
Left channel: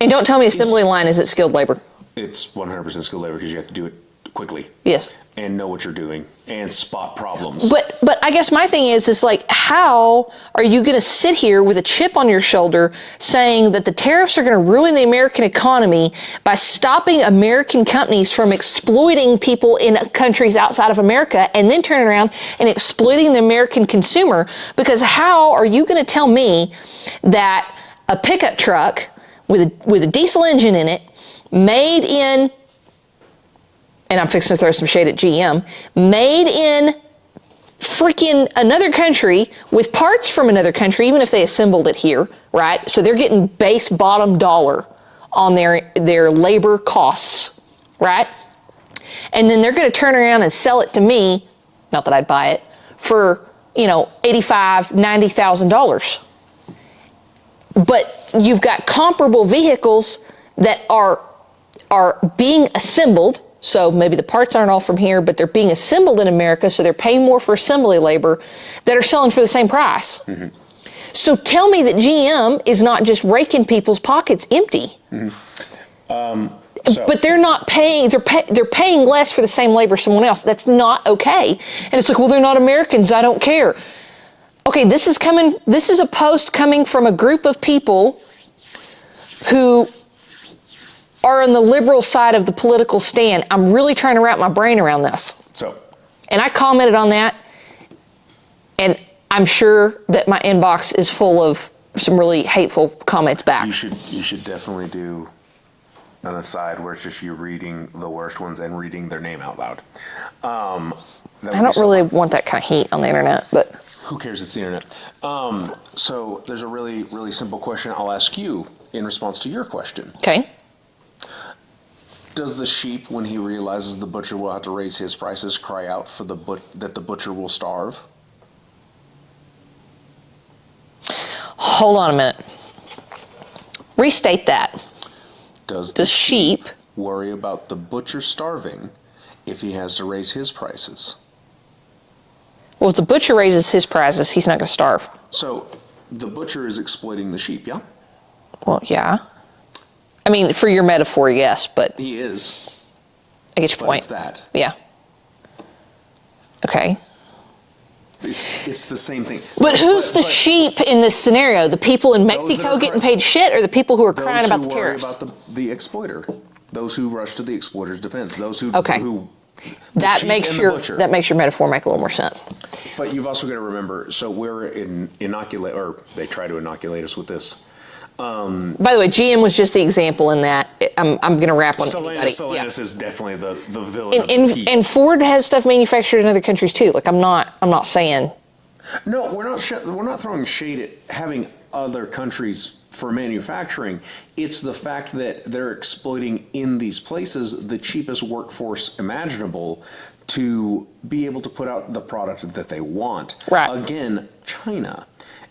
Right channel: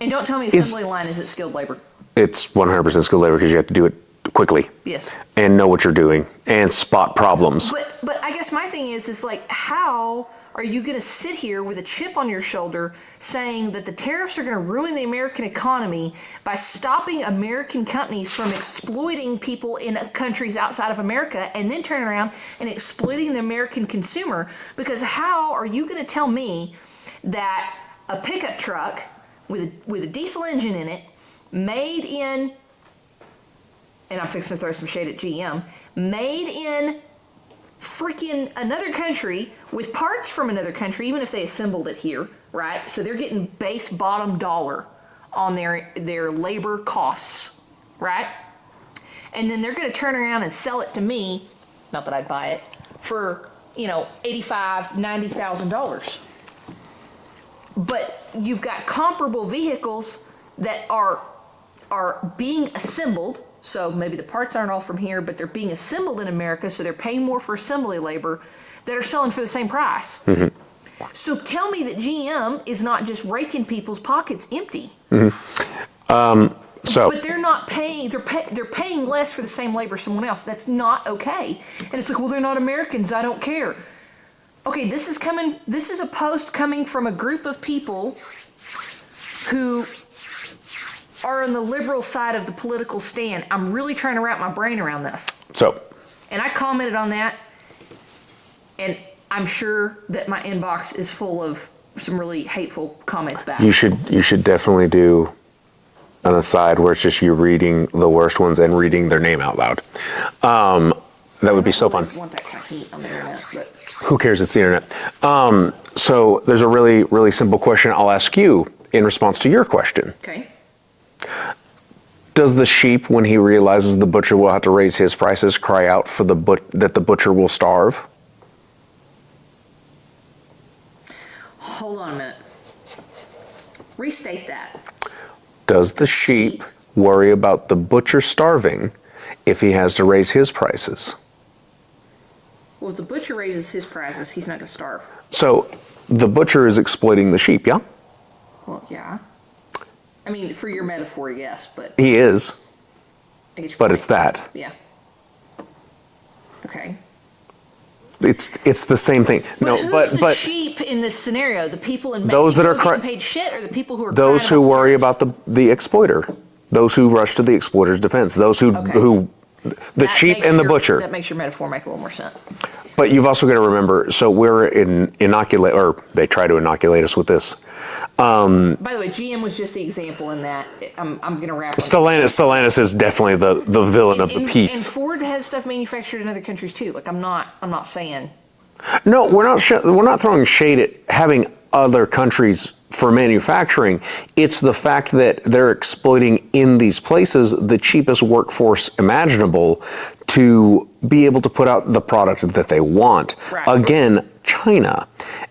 And don't tell me assembly line isn't skilled labor. It's 100% skilled labor because you have to do it quickly. Yes. And know what you're doing and spot problems. But I guess my thing is like, how are you going to sit here with a chip on your shoulder saying that the tariffs are going to ruin the American economy by stopping American companies from exploiting people in countries outside of America, and then turn around and exploiting the American consumer? Because how are you going to tell me that a pickup truck with a diesel engine in it, made in, and I'm fixing to throw some shade at GM, made in freaking another country with parts from another country, even if they assembled it here, right? So they're getting base bottom dollar on their labor costs, right? And then they're going to turn around and sell it to me, not that I'd buy it, for, $85,000, $90,000. But you've got comparable vehicles that are being assembled. So maybe the parts aren't all from here, but they're being assembled in America, so they're paying more for assembly labor, that are selling for the same price. Mm-hmm. So tell me that GM is not just raking people's pockets empty. Mm-hmm. But they're not paying. They're paying less for the same labor as someone else. That's not okay. And it's like, well, they're not Americans. I don't care. Okay, this is a post coming from a group of people who are on the liberal side of the political stand. I'm really trying to wrap my brain around this. And I commented on that, and I'm sure that my inbox is full of some really hateful comments back. You should definitely do an aside where it's just you reading the worst ones and reading their name out loud. That would be so fun. I don't really want that kind of heat on the internet, but who cares? It's the internet. So there's a really, really simple question I'll ask you in response to your question. Okay. Does the sheep, when he realizes the butcher will have to raise his prices, cry out for that the butcher will starve? Hold on a minute. Restate that. Does the sheep worry about the butcher starving if he has to raise his prices? Well, if the butcher raises his prices, he's not going to starve. So the butcher is exploiting the sheep, yeah? Well, yeah. I mean, for your metaphor, yes, but... He is. I get your point. But it's that. Yeah. Okay. It's the same thing. But who's the sheep in this scenario? The people in Mexico getting paid shit, or the people who are crying about the tariffs? Those who worry about the exploiter. Those who rush to the exploiter's defense. Those who the sheep and the butcher. That makes your metaphor make a little more sense. But you've also got to remember, so we're or they try to inoculate us with this. By the way, GM was just the example in that. I'm going to wrap on Stellantis is definitely the villain of the piece. And Ford has stuff manufactured in other countries too. Like I'm not saying. No, we're not throwing shade at having other countries for manufacturing. It's the fact that they're exploiting in these places the cheapest workforce imaginable to be able to put out the product that they want. Right. Again, China.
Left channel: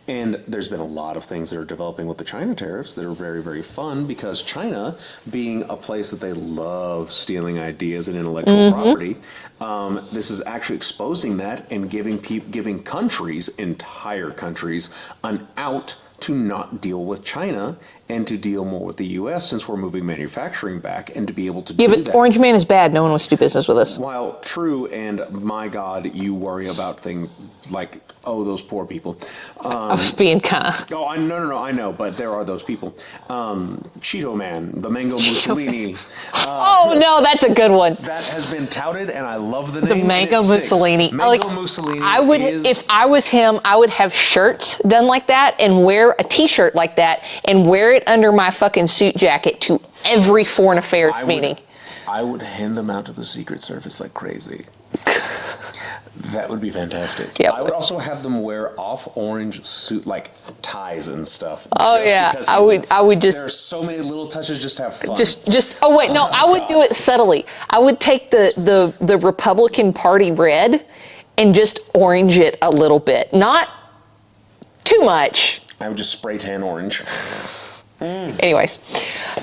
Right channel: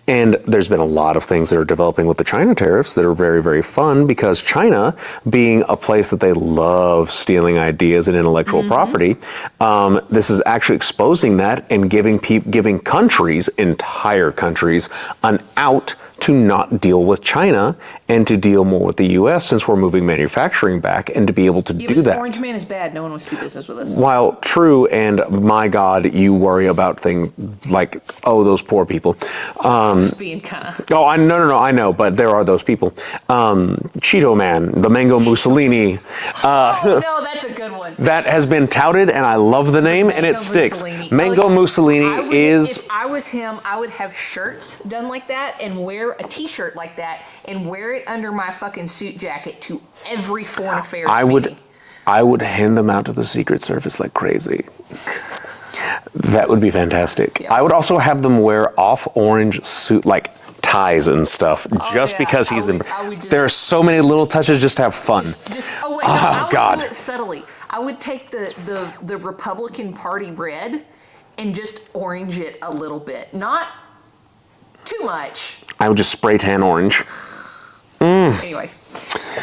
And there's been a lot of things that are developing with the China tariffs that are very, very fun, because China, being a place that they love stealing ideas and intellectual property, this is actually exposing that and giving countries, entire countries, an out to not deal with China and to deal more with the U.S. since we're moving manufacturing back, and to be able to do that. Yeah, but Orange Man is bad. No one wants to do business with us. While true, and my God, you worry about things like, those poor people. I was being kind of... No, I know, but there are those people. Cheeto Man, the Mango Mussolini. No, that's a good one. That has been touted, and I love the name, and it sticks. Mussolini. Mango Mussolini is... If I was him, I would have shirts done like that and wear a t-shirt like that and wear it under my fucking suit jacket to every foreign affairs meeting. I would hand them out to the Secret Service like crazy. That would be fantastic. Yeah, I would also have them wear off-orange suit, like ties and stuff, because there are so many little touches just to have fun. I would do it subtly. I would take the Republican Party red and just orange it a little bit. Not too much. I would just spray tan orange. Anyways,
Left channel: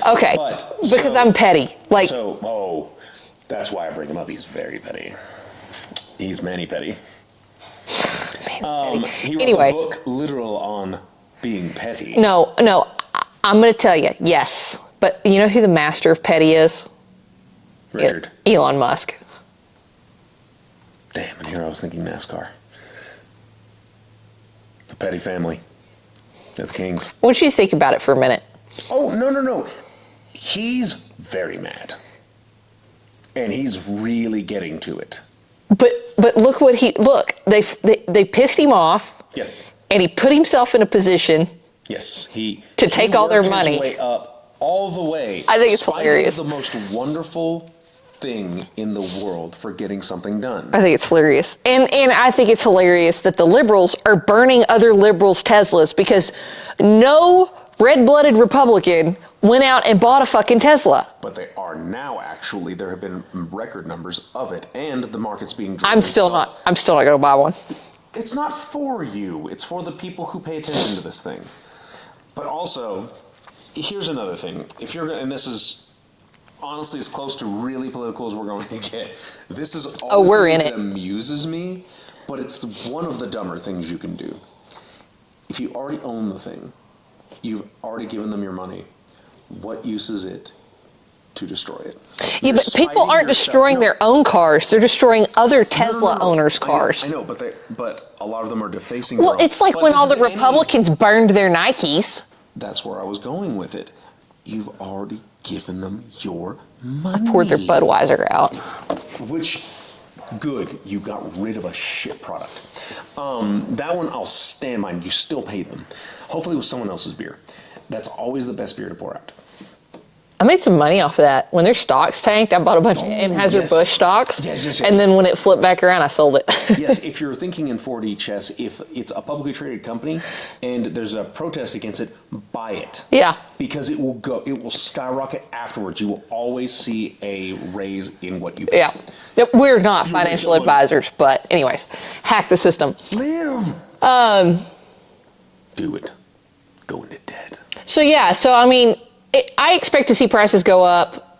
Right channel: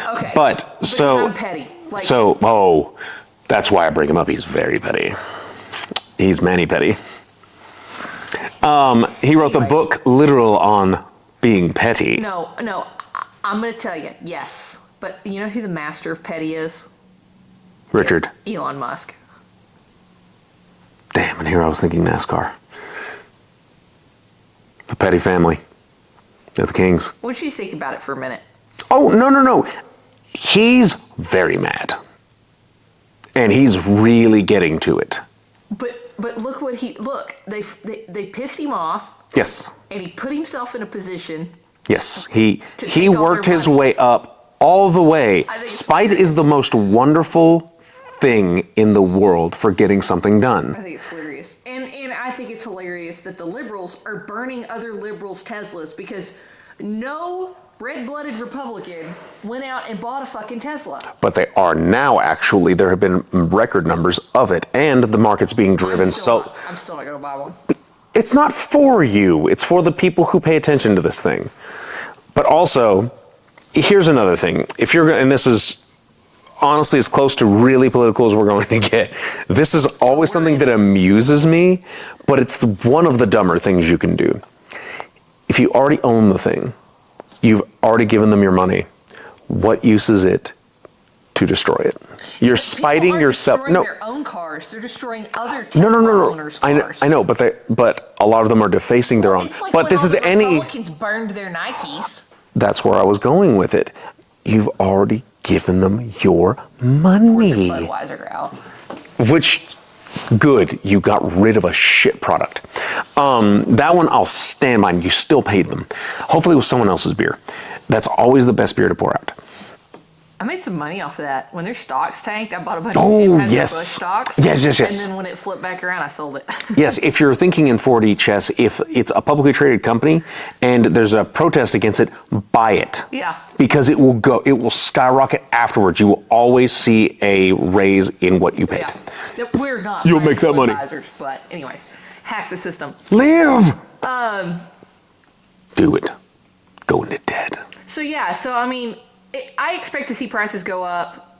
okay. Because I'm petty. That's why I bring him up. He's very petty. He's mani petty. He wrote the book literal on being petty. No, I'm going to tell you, yes. But you know who the master of petty is? Richard. Elon Musk. Damn, and here I was thinking NASCAR. The Petty family. They're the Kings. What do you think about it for a minute? Oh, no. He's very mad. And he's really getting to it. But look what they pissed him off. Yes. And he put himself in a position. Yes. He take all their worked his money. way up all the way. I think it's Spite hilarious. is the most wonderful thing in the world for getting something done. I think it's hilarious. And I think it's hilarious that the liberals are burning other liberals' Teslas because no red-blooded Republican went out and bought a fucking Tesla. But they are now actually, there have been record numbers of it, and the market's being driven. I'm still not going to buy one. It's not for you. It's for the people who pay attention to this thing. But also, here's another thing. If you're, and this is honestly as close to really political as we're going to get. This is always something that amuses me, but it's one of the dumber things you can do. If you already own the thing, you've already given them your money. What use is it to destroy it? You're spiting people aren't yourself. destroying their own cars. They're destroying other Tesla owners' cars. I know, but a lot of them are defacing their own. It's like when all the Republicans burned their Nikes. That's where I was going with it. You've already given them your money. Poured their Budweiser out. Which, good, you got rid of a shit product. That one I'll stand by. You still paid them. Hopefully it was someone else's beer. That's always the best beer to pour out. I made some money off of that. When their stocks tanked, I bought a bunch of Anheuser-Busch stocks. Yes. And then when it flipped back around, I sold it. Yes, if you're thinking in 4D chess, if it's a publicly traded company and there's a protest against it, buy it. Yeah. Because it will skyrocket afterwards. You will always see a raise in what you pay. Yeah. Yep, we're not financial advisors, but anyways, hack the system. Live! Do it. Go into debt. So I mean, I expect to see prices go up,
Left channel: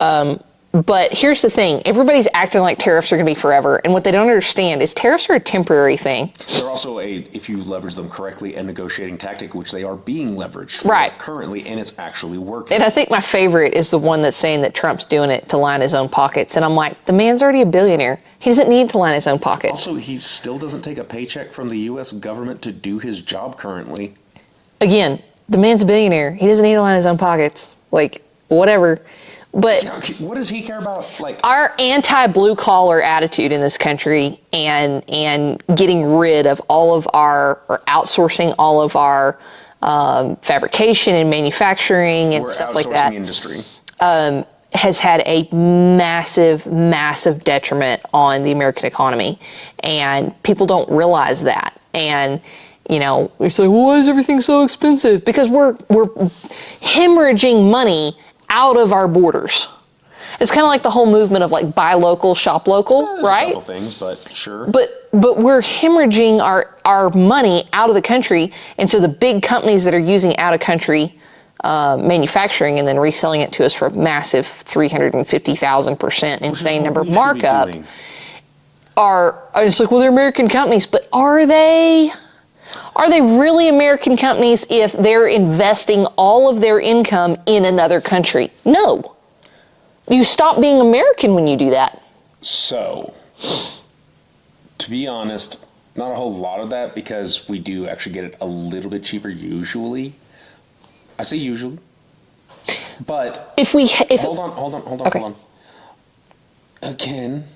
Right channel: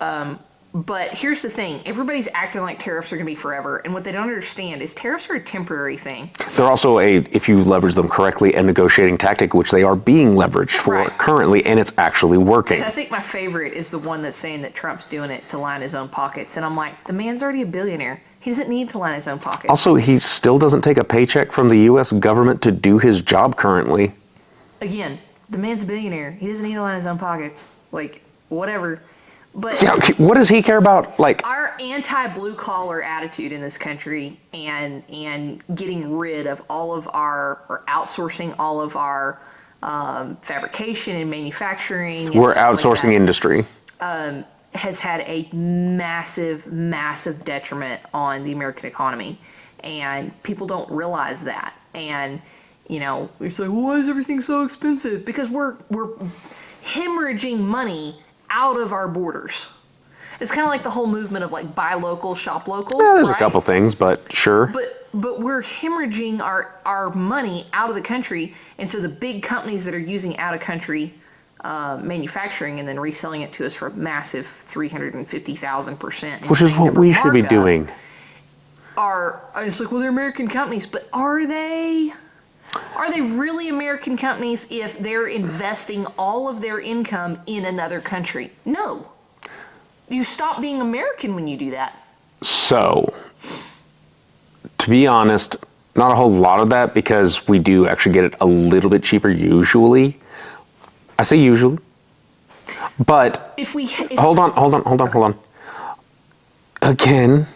but here's the thing. Everybody's acting like tariffs are going to be forever, and what they don't understand is tariffs are a temporary thing. They're also if you leverage them correctly, a negotiating tactic, which they are being leveraged for currently, and it's actually working. And I think my favorite is the one that's saying that Trump's doing it to line his own pockets, and I'm like, the man's already a billionaire. He doesn't need to line his own pockets. Also, he still doesn't take a paycheck from the U.S. government to do his job currently. Again, the man's a billionaire. He doesn't need to line his own pockets. Like, whatever. But what does he care about? Like our anti-blue collar attitude in this country and getting rid of all of or outsourcing all of our fabrication and manufacturing and we're stuff outsourcing like that, industry. Has had a massive detriment on the American economy. And people don't realize that. And it's like, why is everything so expensive? Because we're hemorrhaging money out of our borders. It's kind of like the whole movement of like buy local, shop local, there's right? a couple things, but sure. But we're hemorrhaging our money out of the country, and so the big companies that are using out of country manufacturing and then reselling it to us for a massive 350,000% insane number markup. Which is what we should be doing. It's like, well, they're American companies, but are they? Are they really American companies if they're investing all of their income in another country? No. You stop being American when you do that. So, to be honest, not a whole lot of that because we do actually get it a little bit cheaper usually. I say usually. But hold on. Again,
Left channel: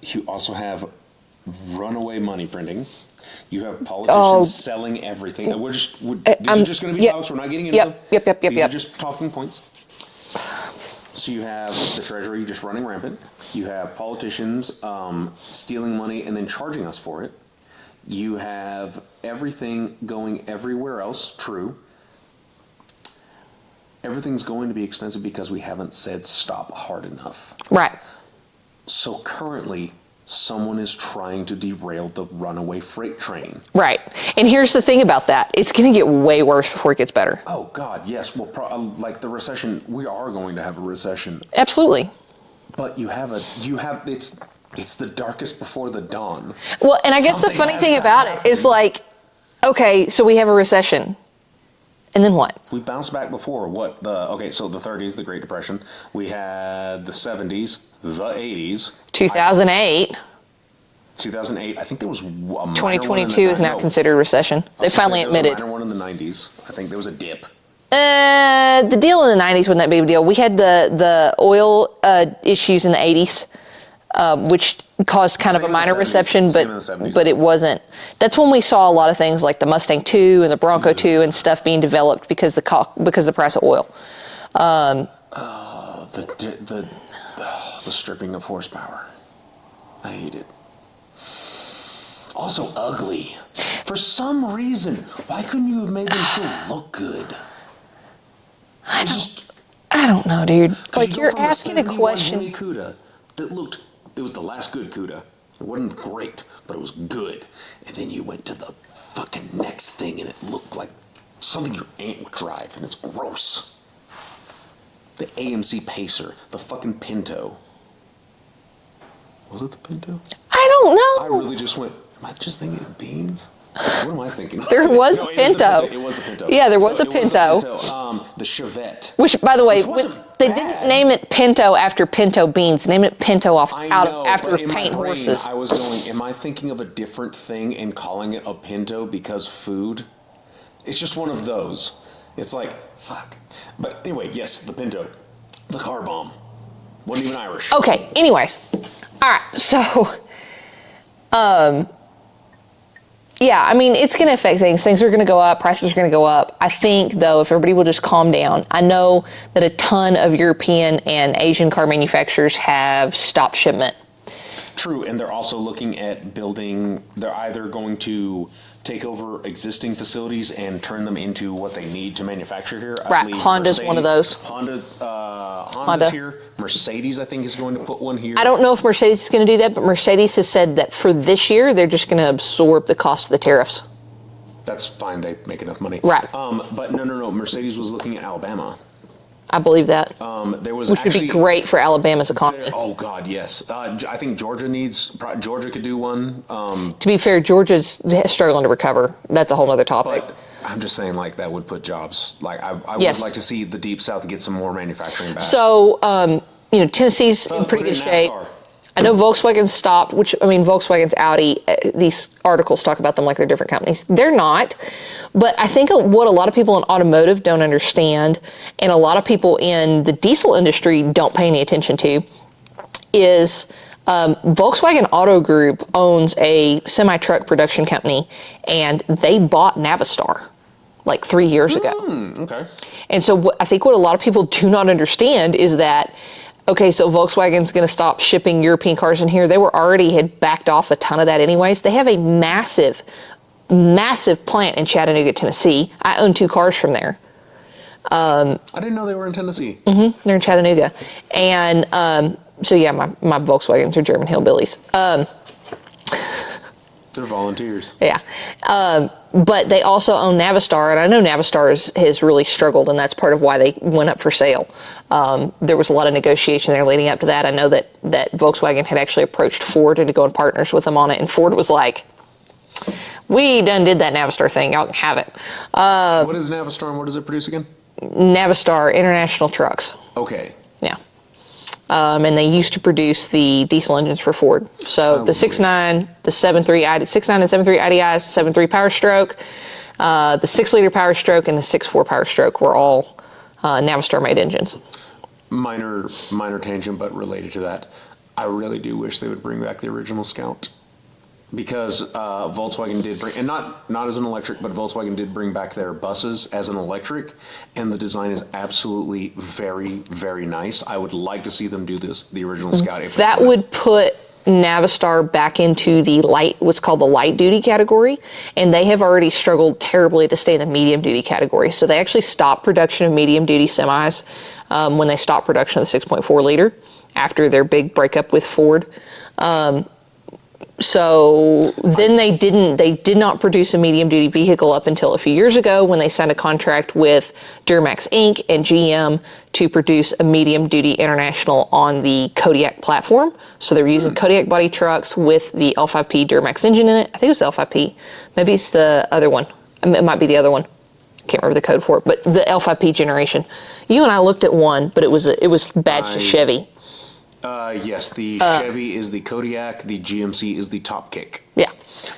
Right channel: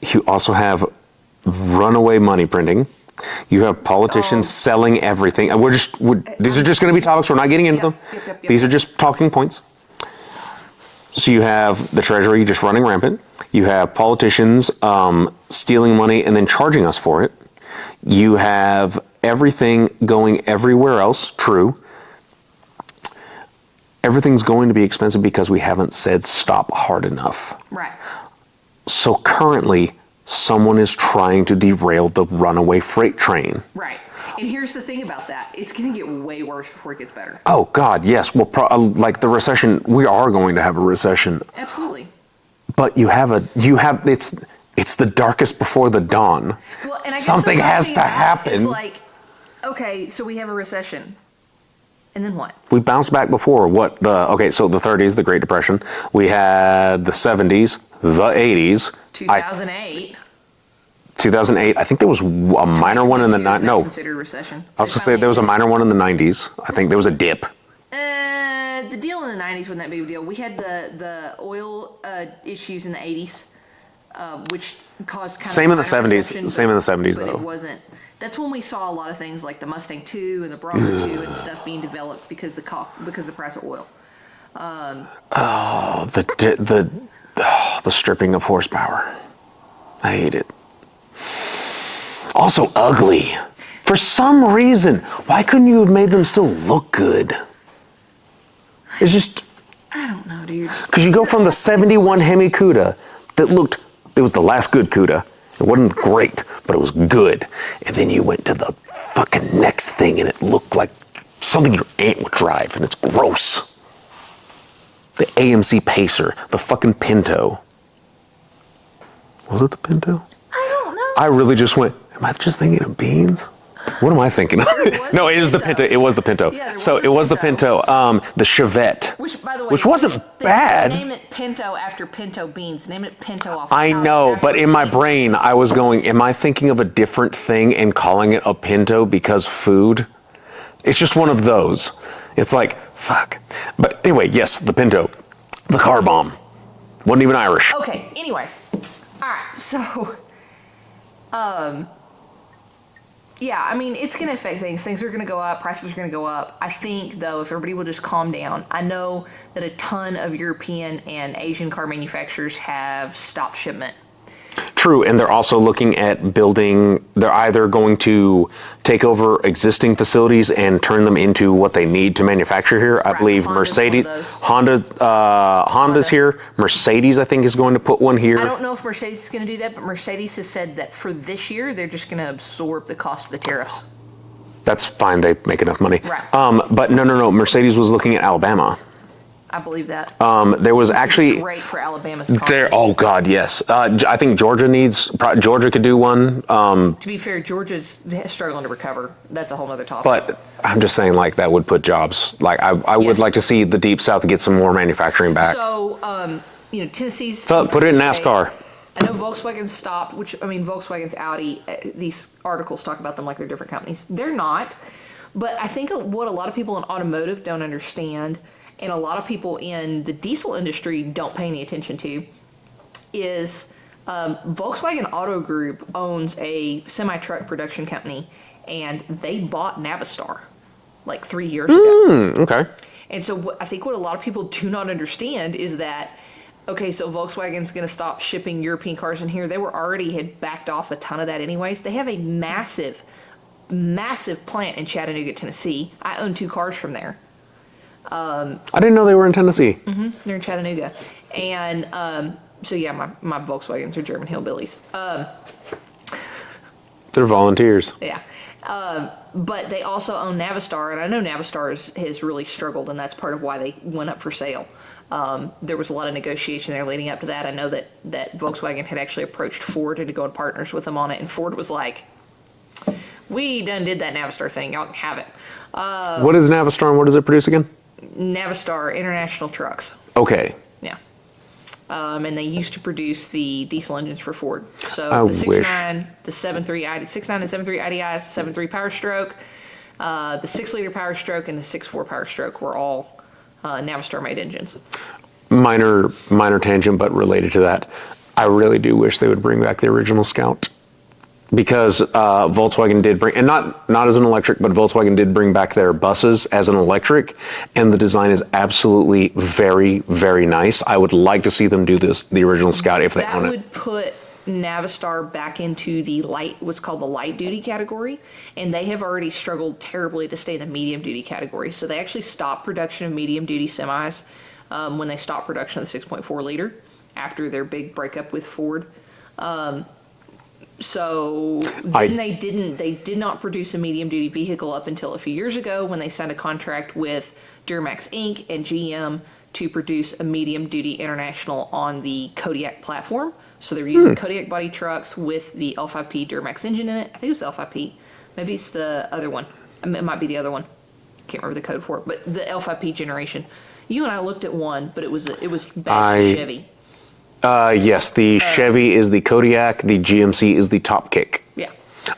you also have runaway money printing. You have politicians selling everything. And these are just going to be topics. We're not getting into them. These are just talking points. So you have the Treasury just running rampant. You have politicians stealing money and then charging us for it. You have everything going everywhere else. True. Everything's going to be expensive because we haven't said stop hard enough. Right. So currently, someone is trying to derail the runaway freight train. Right. And here's the thing about that. It's going to get way worse before it gets better. Oh, God, yes. Well, like the recession, we are going to have a recession. Absolutely. But it's the darkest before the dawn. Well, and I guess Something the funny thing about it is like, okay, so we have a recession. And then what? We bounced back before. So the 30s, the Great Depression. We had the 70s, the 80s. 2008. 2008. I think there was a minor one in the 2022 is not considered a recession. I was gonna say there was a minor one in the 90s. I think there was a dip. The deal in the 90s wasn't that big of a deal. We had the oil issues in the 80s, which caused kind of a minor recession. Same in the 70s. But it wasn't. That's when we saw a lot of things like the Mustang 2 and the Bronco 2 and stuff being developed because the price of oil. The stripping of horsepower. I hate it. Also ugly. For some reason, why couldn't you have made them still look good? It's just... I don't know, dude. Because you go from the 71 Hemi Cuda that looked... It was the last good Cuda. It wasn't great, but it was good. And then you went to the fucking next thing and it looked like something your aunt would drive, and it's gross. The AMC Pacer, the fucking Pinto. Was it the Pinto? I don't know. I really just went, am I just thinking of beans? What am I thinking of? There was no, a it is the Pinto. Pinto. It was the Pinto. Yeah, there was a Pinto. So it was the Pinto. The Chevette. Which, by the way, which wasn't they bad. didn't name it Pinto after pinto beans. Name it Pinto off. I know, after but in my paint brain, horses. I was going, am I thinking of a different thing and calling it a Pinto because food? It's just one of those. It's like, fuck. But anyway, yes, the Pinto. The car bomb. Wasn't even Irish. Okay, anyways. All right, so, yeah, I mean, it's going to affect things. Things are going to go up. Prices are going to go up. I think, though, if everybody will just calm down. I know that a ton of European and Asian car manufacturers have stopped shipment. True, and they're also looking at building, they're either going to take over existing facilities and turn them into what they need to manufacture here. I believe Honda's Mercedes, one of those. Honda's here. Mercedes, I think, is going to put one here. I don't know if Mercedes is going to do that, but Mercedes has said that for this year, they're just going to absorb the cost of the tariffs. That's fine, they make enough money. Right. But no, Mercedes was looking at Alabama. I believe that. There was Which actually would be great for Alabama's economy. Oh God, yes. I think Georgia could do one. To be fair, Georgia's struggling to recover. That's a whole other topic. But I'm just saying, like, that would put jobs. Like, I Yes. would like to see the Deep South get some more manufacturing back. So, Tennessee's in put it in pretty good NASCAR. shape. I know Volkswagen stopped, Volkswagen's Audi, these articles talk about them like they're different companies. They're not. But I think what a lot of people in automotive don't understand, and a lot of people in the diesel industry don't pay any attention to, is Volkswagen Auto Group owns a semi-truck production company, and they bought Navistar like 3 years ago. Okay. And so I think what a lot of people do not understand is that, okay, so Volkswagen's going to stop shipping European cars in here. They had backed off a ton of that anyways. They have a massive plant in Chattanooga, Tennessee. I own 2 cars from there. I didn't know they were in Tennessee. Mm-hmm, they're in Chattanooga. And so yeah, my Volkswagens are German hillbillies. They're volunteers. Yeah. But they also own Navistar, and I know Navistar has really struggled, and that's part of why they went up for sale. There was a lot of negotiation there leading up to that. I know that Volkswagen had actually approached Ford to go in partners with them on it, and Ford was like, we done did that Navistar thing. Y'all can have it. What is Navistar and what does it produce again? Navistar International Trucks. Okay. Yeah. And they used to produce the diesel engines for Ford. So the 6.9, the 7.3 6.9 and 7.3 IDIs, 7.3 Power Stroke, the 6-liter Power Stroke, and the 6.4 Power Stroke were all Navistar-made engines. Minor tangent, but related to that. I really do wish they would bring back the original Scout. Because Volkswagen did bring, and not as an electric, but Volkswagen did bring back their buses as an electric, and the design is absolutely very, very nice. I would like to see them do the original Scout if they want. That would put Navistar back into what's called the light duty category, and they have already struggled terribly to stay in the medium duty category. So they actually stopped production of medium duty semis when they stopped production of the 6.4 liter after their big breakup with Ford. So then they did not produce a medium duty vehicle up until a few years ago when they signed a contract with Duramax Inc. and GM to produce a medium duty International on the Kodiak platform. So they're using Kodiak body trucks with the L5P Duramax engine in it. I think it was L5P. Maybe it's the other one. It might be the other one. I can't remember the code for it, but the L5P generation. You and I looked at one, but it was badged to Chevy. Yes, the Chevy is the Kodiak, the GMC is the Top Kick. Yeah.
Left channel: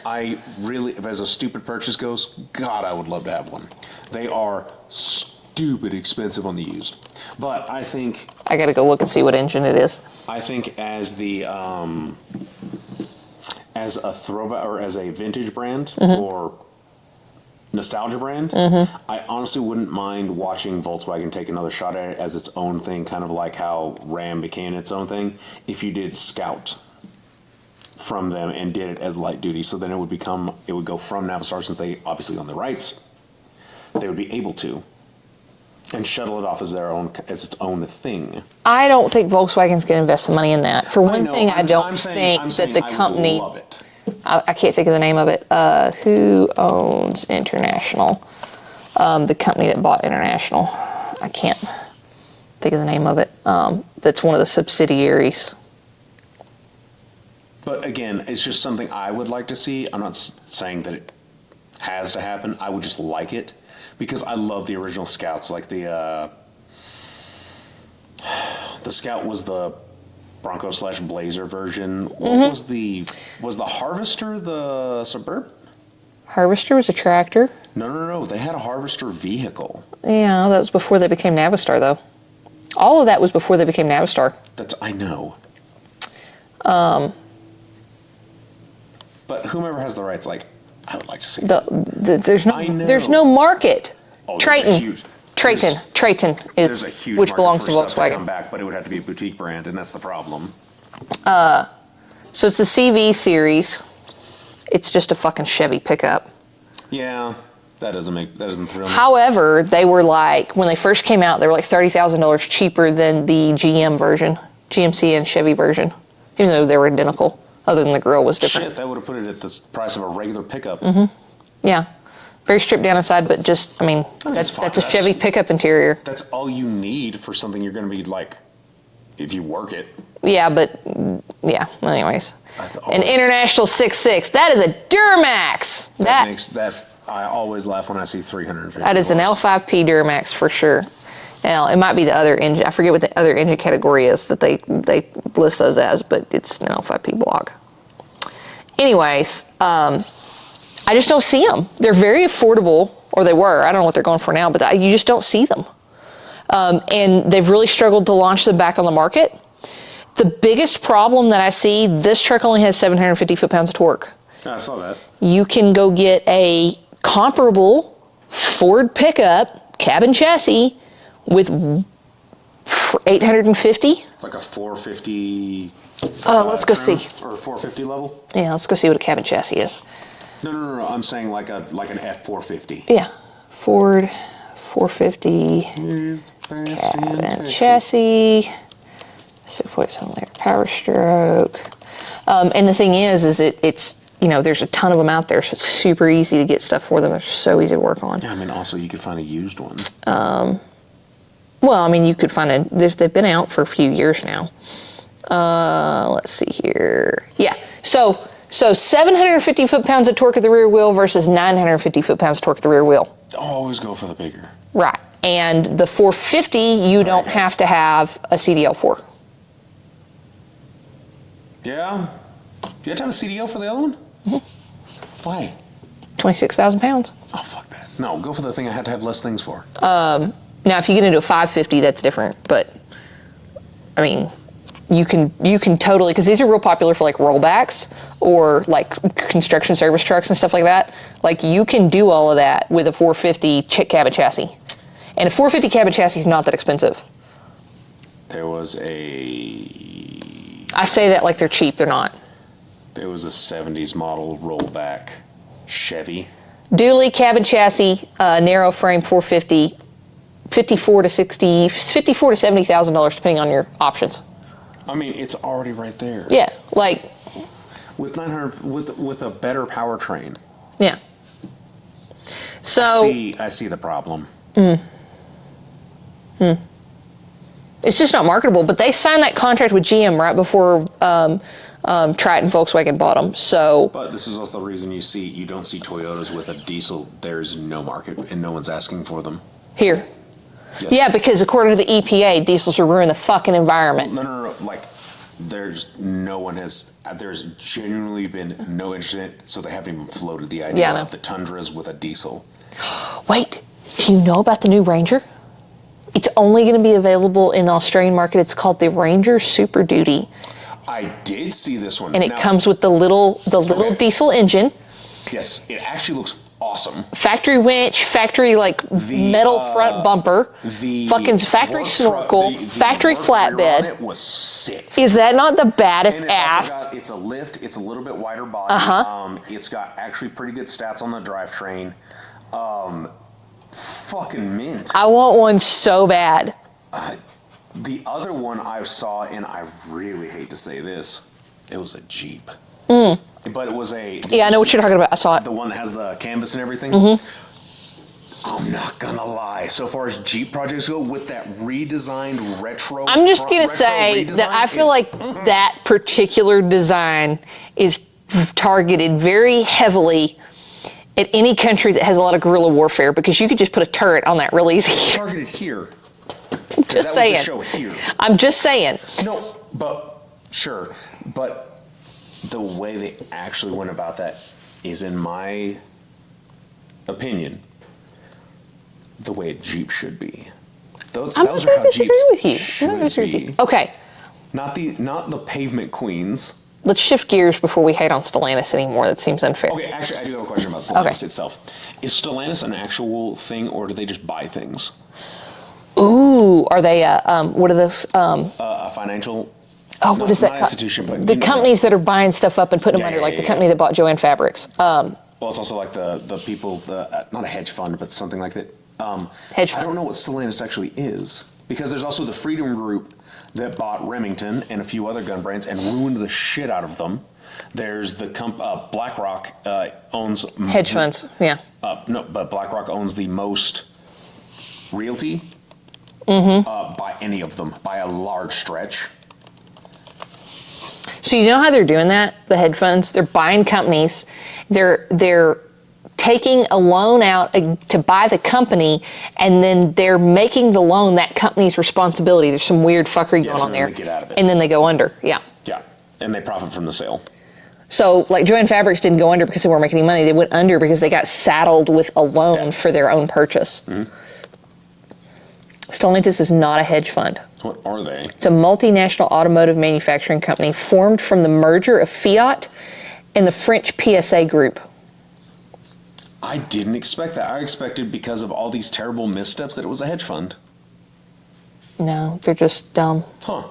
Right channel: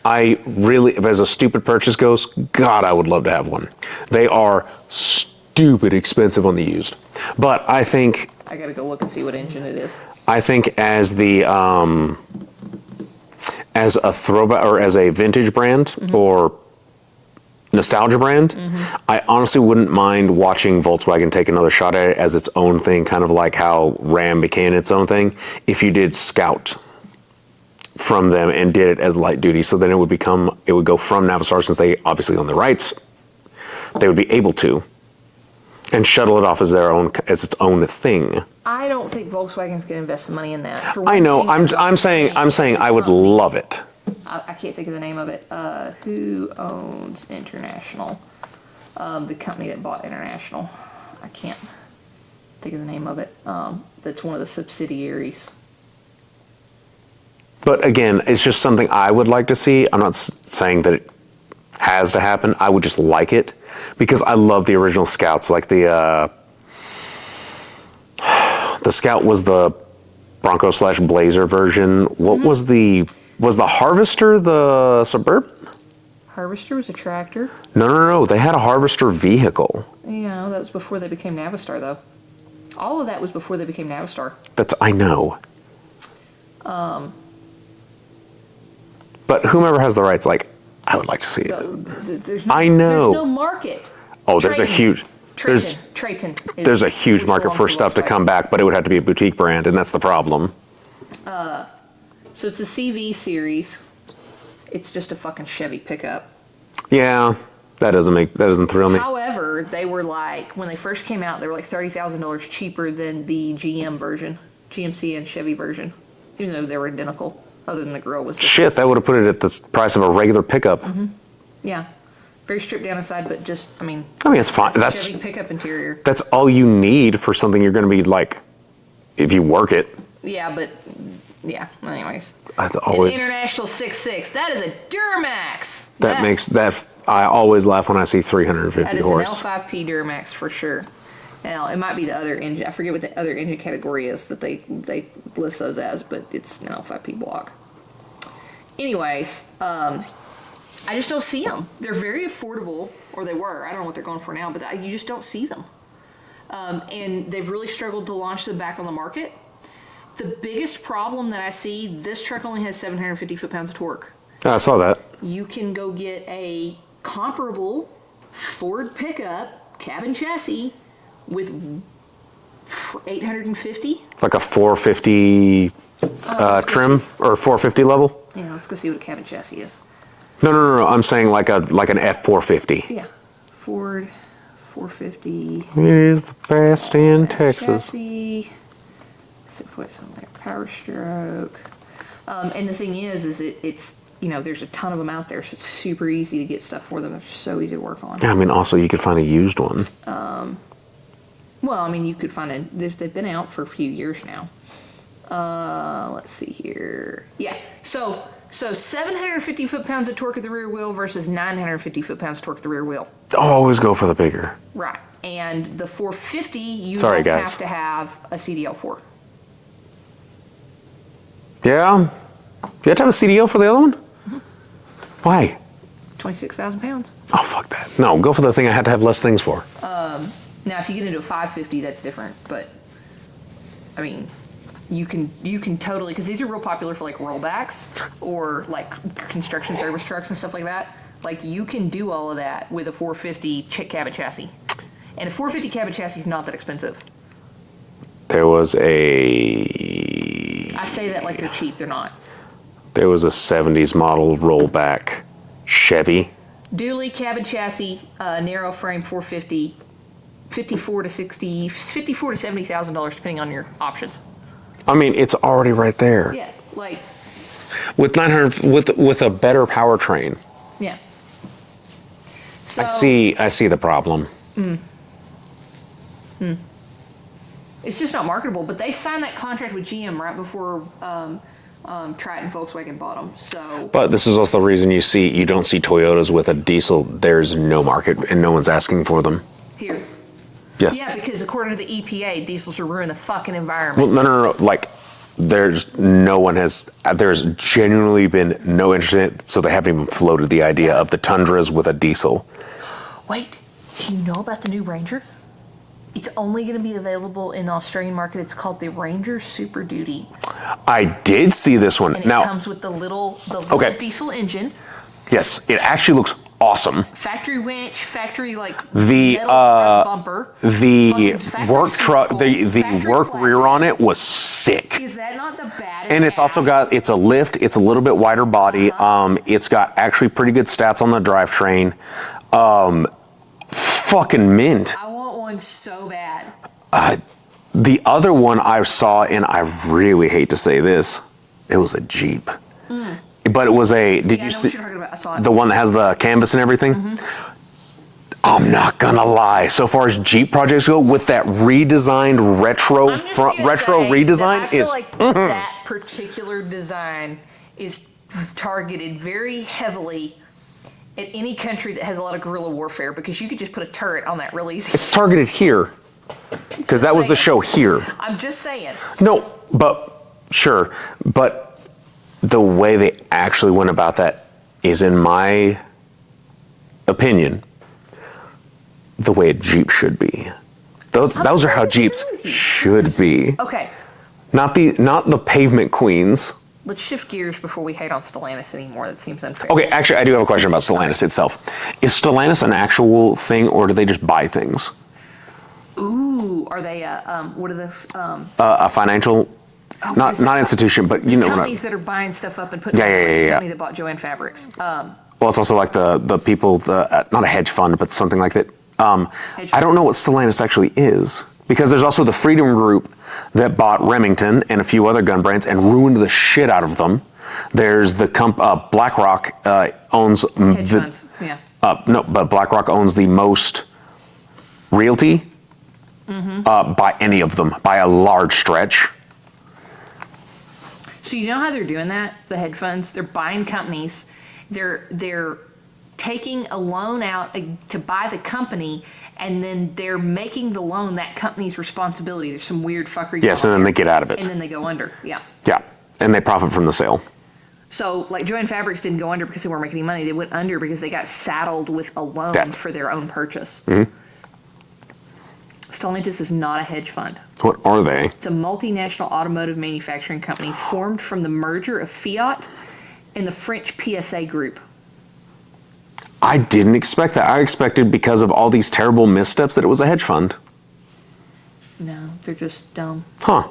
I really, as a stupid purchase goes, God, I would love to have one. They are stupid expensive on the used. But I think... I got to go look and see what engine it is. I think as the... as a throwback, or as a vintage brand, or nostalgia brand, I honestly wouldn't mind watching Volkswagen take another shot at it as its own thing, kind of like how Ram became its own thing. If you did Scout from them and did it as light duty, so then it would go from Navistar, since they obviously own the rights, they would be able to, and shuttle it off as its own thing. I don't think Volkswagen's going to invest the money in that. For one I know. thing, I'm saying I would love it. I can't think of the name of it. Who owns International? The company that bought International. I can't think of the name of it. That's one of the subsidiaries. But again, it's just something I would like to see. I'm not saying that it has to happen. I would just like it, because I love the original Scouts. Like the Scout was the Bronco / Blazer version. What was the Harvester the Suburban? Harvester was a tractor. No. They had a Harvester vehicle. Yeah, that was before they became Navistar, though. All of that was before they became Navistar. I know. But whomever has the rights, like, I would like to see it. There's no market. Oh, Triton. there's a huge... Triton is... There's a huge which market belongs for stuff to Volkswagen. come back, but it would have to be a boutique brand, and that's the problem. So it's the CV series. It's just a fucking Chevy pickup. Yeah, that doesn't thrill me. However, they were like, when they first came out, they were like $30,000 cheaper than the GM version, GMC and Chevy version, even though they were identical, other than the grille was different. Shit, that would have put it at the price of a regular pickup. Yeah. Very stripped down inside, but just, it's fine. That's a Chevy pickup interior. That's all you need for something you're going to be like, if you work it. Yeah, but, yeah, well, anyways. An International 6.6, that is a Duramax. I always laugh when I see 350 That is horse. an L5P Duramax for sure. Now, it might be the other engine. I forget what the other engine category is that they list those as, but it's an L5P block. Anyways, I just don't see them. They're very affordable, or they were. I don't know what they're going for now, but you just don't see them. And they've really struggled to launch them back on the market. The biggest problem that I see, this truck only has 750 foot-pounds of torque. I saw that. You can go get a comparable Ford pickup, cabin chassis, with 850. Like a 450 trim, or 450 level? Yeah, let's go see what a cabin chassis is. No. I'm saying like an F450. Yeah, Ford 450. It is the best in Texas. Chassis, 6.7 liter Power Stroke. And the thing is it's there's a ton of them out there, so it's super easy to get stuff for them. They're so easy to work on. Yeah, also you could find a used one. Well, you could find they've been out for a few years now. Let's see here. Yeah, so 750 foot-pounds of torque at the rear wheel versus 950 foot-pounds of torque at the rear wheel. Always go for the bigger. Right, and the 450, you don't have to have a CDL4. Yeah? You have to have a CDL for the other one? Why? 26,000 pounds. Oh, fuck that. No, go for the thing I had to have less things for. Now, if you get into a 550, that's different. But, you can totally, because these are real popular for like rollbacks or like construction service trucks and stuff like that. Like you can do all of that with a 450 cabin chassis. And a 450 cabin chassis is not that expensive. There was I say that like they're cheap, they're not. There was a 70s model rollback Chevy. Dually cabin chassis, narrow frame 450, $54,000 to $70,000 depending on your options. It's already right there. Yeah, like with 900 with a better powertrain. Yeah. So I see the problem. It's just not marketable. But they signed that contract with GM right before Triton Volkswagen bought them. So. But this is also the reason you don't see Toyotas with a diesel. There's no market and no one's asking for them. Here. Yes. Yeah, because according to the EPA, diesels are ruining the fucking environment. Well, no. Like, there's genuinely been no interest in it, so they haven't even floated the idea of the Tundras with a diesel. Wait, do you know about the new Ranger? It's only going to be available in the Australian market. It's called the Ranger Super Duty. I did see this one. And it comes with the little diesel engine. Yes, it actually looks awesome. Factory winch, factory metal front bumper, the fucking factory snorkel, factory work flatbed. rear on it was sick. Is that not the baddest? And it's ass? also got a lift. It's a little bit wider body. It's got actually pretty good stats on the drivetrain. Fucking mint. I want one so bad. The other one I saw, and I really hate to say this, it was a Jeep. But it was a... I know what you're talking about. I saw it. The one that has the canvas and everything? I'm not gonna lie. So far as Jeep projects go, with that redesigned retro I'm just gonna say redesign, that I feel like that particular design is targeted very heavily at any country that has a lot of guerrilla warfare, because you could just put a turret on that real easy. It's targeted here. Because that was the show here. I'm just saying. No, but sure. But the way they actually went about that is, in my opinion, the way a Jeep should be. Those are how Jeeps should be. Okay. Not the pavement queens. Let's shift gears before we hate on Stellantis anymore. That seems unfair. Okay, actually, I do have a question about Stellantis itself. Is Stellantis an actual thing, or do they just buy things? Ooh, are they, what are those? A financial, what is that? not institution, but the companies that are buying stuff up and putting them under, the company that bought Joanne Fabrics. Well, it's also like the people, not a hedge fund, but something like that. Hedge fund. I don't know what Stellantis actually is, because there's also the Freedom Group that bought Remington and a few other gun brands and ruined the shit out of them. There's the BlackRock owns hedge funds. Yeah. No, but BlackRock owns the most realty by any of them, by a large stretch. So you know how they're doing that? The hedge funds, they're buying companies. They're taking a loan out to buy the company, and then they're making the loan that company's responsibility. There's some weird fuckery going on there. Yes, and then they get out of it. And then they go under. Yeah. Yeah, and they profit from the sale. So, like, Joanne Fabrics didn't go under because they weren't making any money. They went under because they got saddled with a loan for their own purchase. Stellantis is not a hedge fund. What are they? It's a multinational automotive manufacturing company formed from the merger of Fiat and the French PSA group. I didn't expect that. I expected, because of all these terrible missteps, that it was a hedge fund. No, they're just dumb. Huh.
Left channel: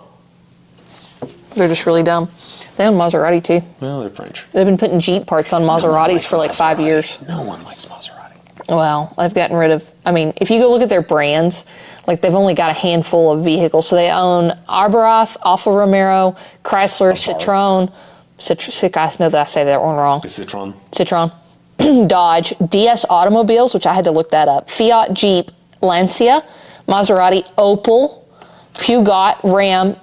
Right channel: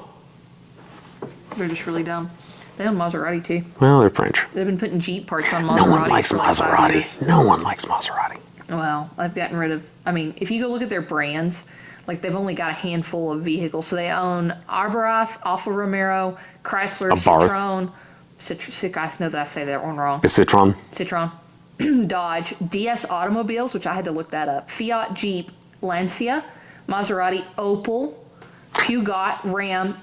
They're just really dumb. They own Maserati, too. Well, they're French. They've been putting Jeep parts on Maseratis for like 5 years. No one likes Maserati. Well, I've gotten rid of, if you go look at their brands, like, they've only got a handful of vehicles. So they own Arbarath, Alfa Romero, Chrysler, Citroen. I know that I say that one wrong. It's Citroen. Citroen. Dodge, DS Automobiles, which I had to look that up. Fiat, Jeep, Lancia, Maserati, Opel, Peugeot, Ram,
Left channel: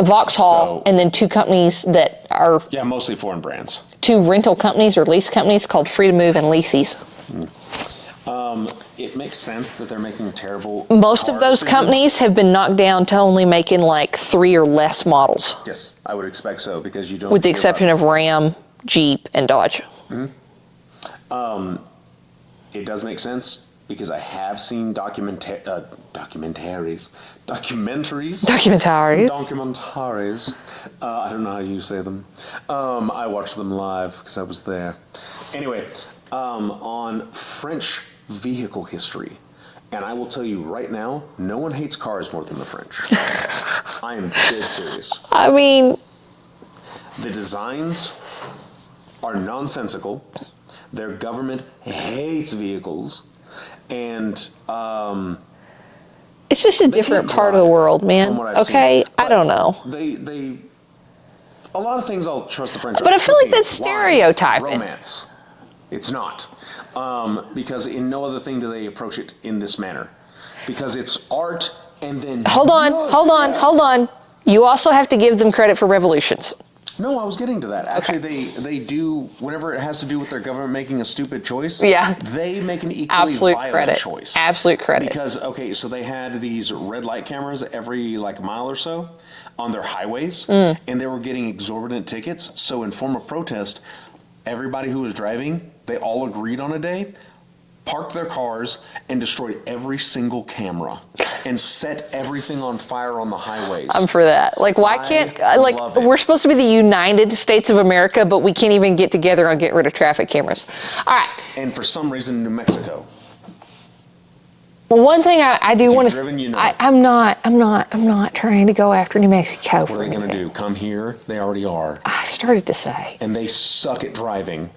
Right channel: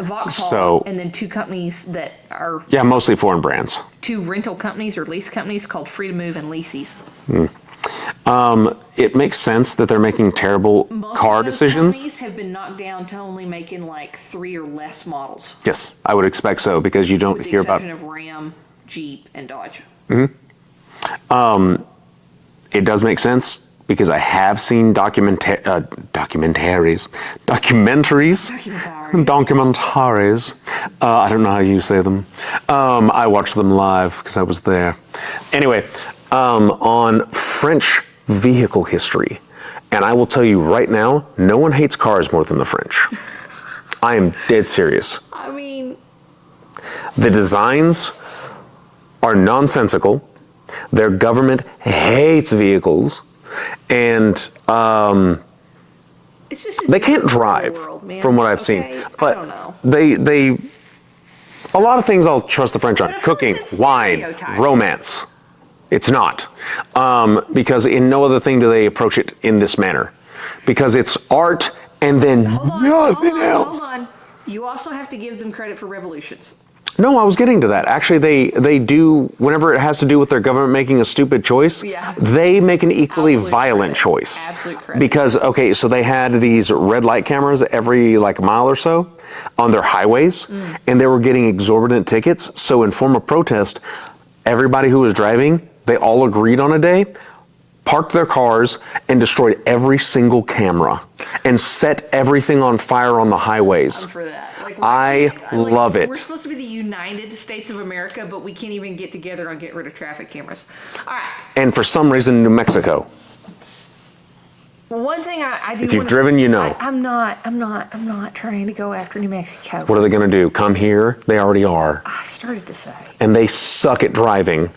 Vauxhall, and then two companies that are... Yeah, mostly foreign brands. Two rental companies or lease companies called Freedom Move and Leases. It makes sense that they're making terrible Most of those decisions. companies have been knocked down to only making like 3 or less models. Yes, I would expect so, because you don't With the hear exception of Ram, Jeep, and Dodge. It does make sense, because I have seen documentaries. I don't know how you say them. I watched them live because I was there. Anyway, on French vehicle history, and I will tell you right now, no one hates cars more than the French. I am dead serious. The designs are nonsensical. Their government hates vehicles, and it's just a different part of the world, man. From what I've seen, I don't know. They a lot of things I'll trust the French on. But I feel Cooking, like that's wine, stereotyping. romance. It's not, because in no other thing do they approach it in this manner, because it's art, and then hold on. You also have to give them credit for revolutions. No, I was getting to that. Actually, they do, whenever it has to do with their government making a stupid choice, they make an equally Absolute violent credit. choice. Absolute credit. Because, okay, so they had these red light cameras every like mile or so on their highways, and they were getting exorbitant tickets. So in form of protest, everybody who was driving, they all agreed on a day, parked their cars, and destroyed every single camera and set everything on fire on the highways. I'm for that. Like, why can't, like, love it. We're supposed to be the United States of America, but we can't even get together on getting rid of traffic cameras. All right. And for some reason, New Mexico. Well, one thing I do want to... If you've driven, you know. I'm not trying to go after New Mexico. What are they going to do? Come here? They already are. I started to say. And they suck at driving.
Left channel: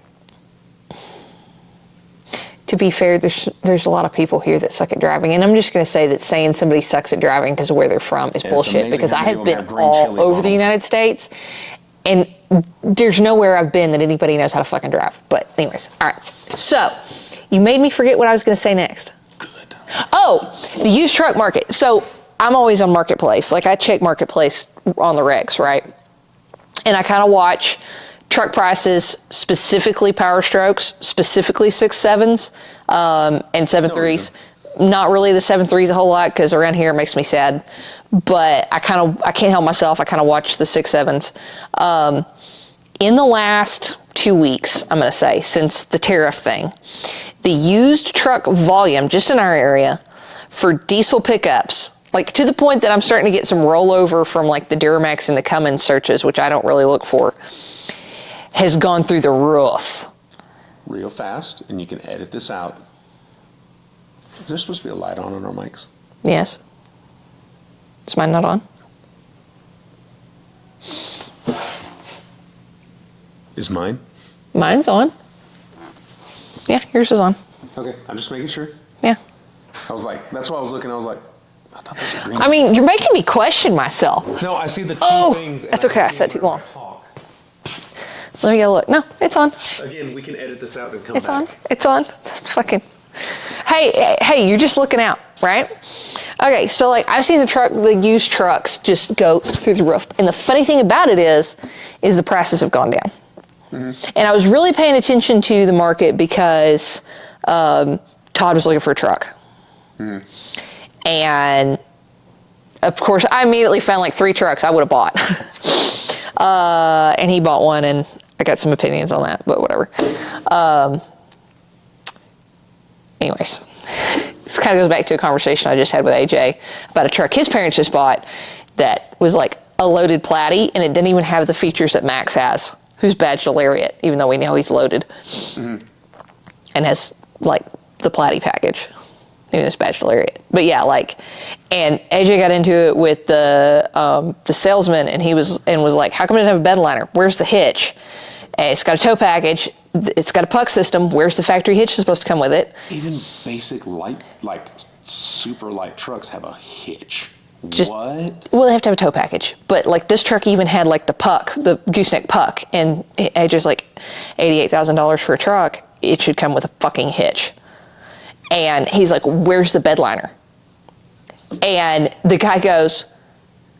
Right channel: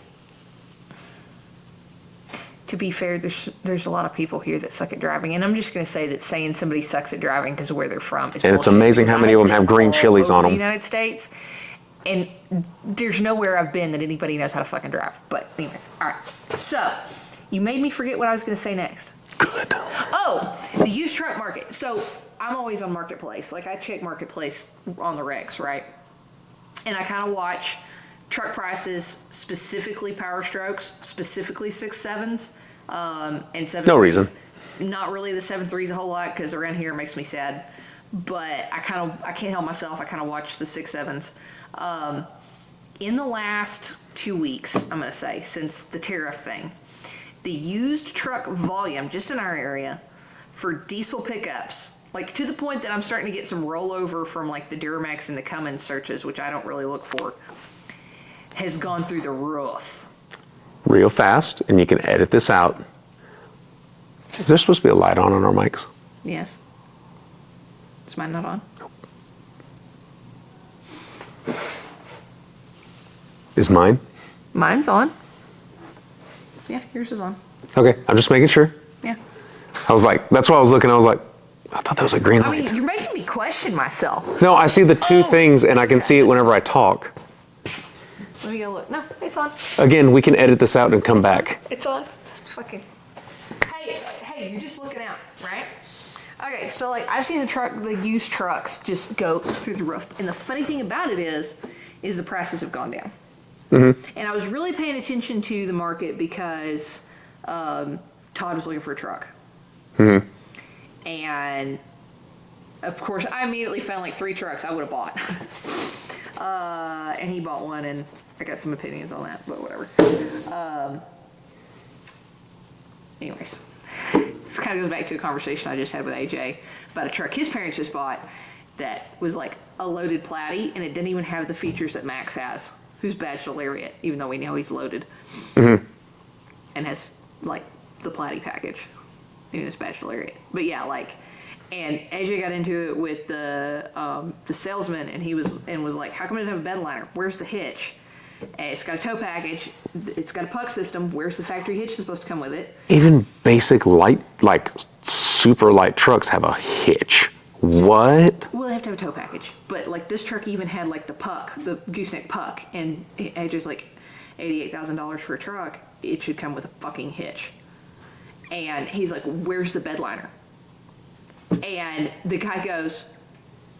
To be fair, there's a lot of people here that suck at driving, and I'm just going to say that saying somebody sucks at driving because of where they're from is and bullshit. It's amazing how many of them have green chilies on them. Over the United States, and there's nowhere I've been that anybody knows how to fucking drive. But anyways, all right. So you made me forget what I was going to say next. Good. Oh, the used truck market. So I'm always on Marketplace. Like, I check Marketplace on the regs, right? And I kind of watch truck prices, specifically Power Strokes, specifically 6.7s, and 7.3s. Not really the 7.3s a whole lot, because around here it makes me sad. But I can't help myself. I kind of watch the 6.7s. In the last 2 weeks, I'm going to say, since the tariff thing, the used truck volume, just in our area, for diesel pickups, like to the point that I'm starting to get some rollover from like the Duramax and the Cummins searches, which I don't really look for, has gone through the roof. Real fast, and you can edit this out. Is there supposed to be a light on our mics? Yes. Is mine not on? Is mine? Mine's on. Yeah, yours is on. Okay, I'm just making sure. Yeah. I was like, that's why I was looking. I was like, I thought that was a green light. I mean, you're making me question myself. No, I see the two things, and I can see it whenever I talk. Let me get a look. No, it's on. Again, we can edit this out and come It's back. on. It's on. Fucking. Hey, you're just looking out, right? Okay, so like I've seen the used trucks just go through the roof, and the funny thing about it is the prices have gone down. Mm-hmm. And I was really paying attention to the market because Todd was looking for a truck. Mm-hmm. And of course, I immediately found like 3 trucks I would have bought. And he bought one, and I got some opinions on that, but whatever. Anyways, this kind of goes back to a conversation I just had with AJ about a truck his parents just bought that was like a loaded Platy, and it didn't even have the features that Max has, who's badged a Lariat, even though we know he's loaded. Mm-hmm. And has like the Platy package, even though it's badged a Lariat. But yeah, like, and AJ got into it with the salesman, and he was like, how come it doesn't have a bed liner? Where's the hitch? And it's got a tow package. It's got a puck system. Where's the factory hitch supposed to come with it? Even basic light, like super light trucks have a hitch. What? Well, they have to have a tow package. But like this truck even had like the puck, the gooseneck puck, and AJ's like $88,000 for a truck. It should come with a fucking hitch. And he's like, where's the bed liner? And the guy goes,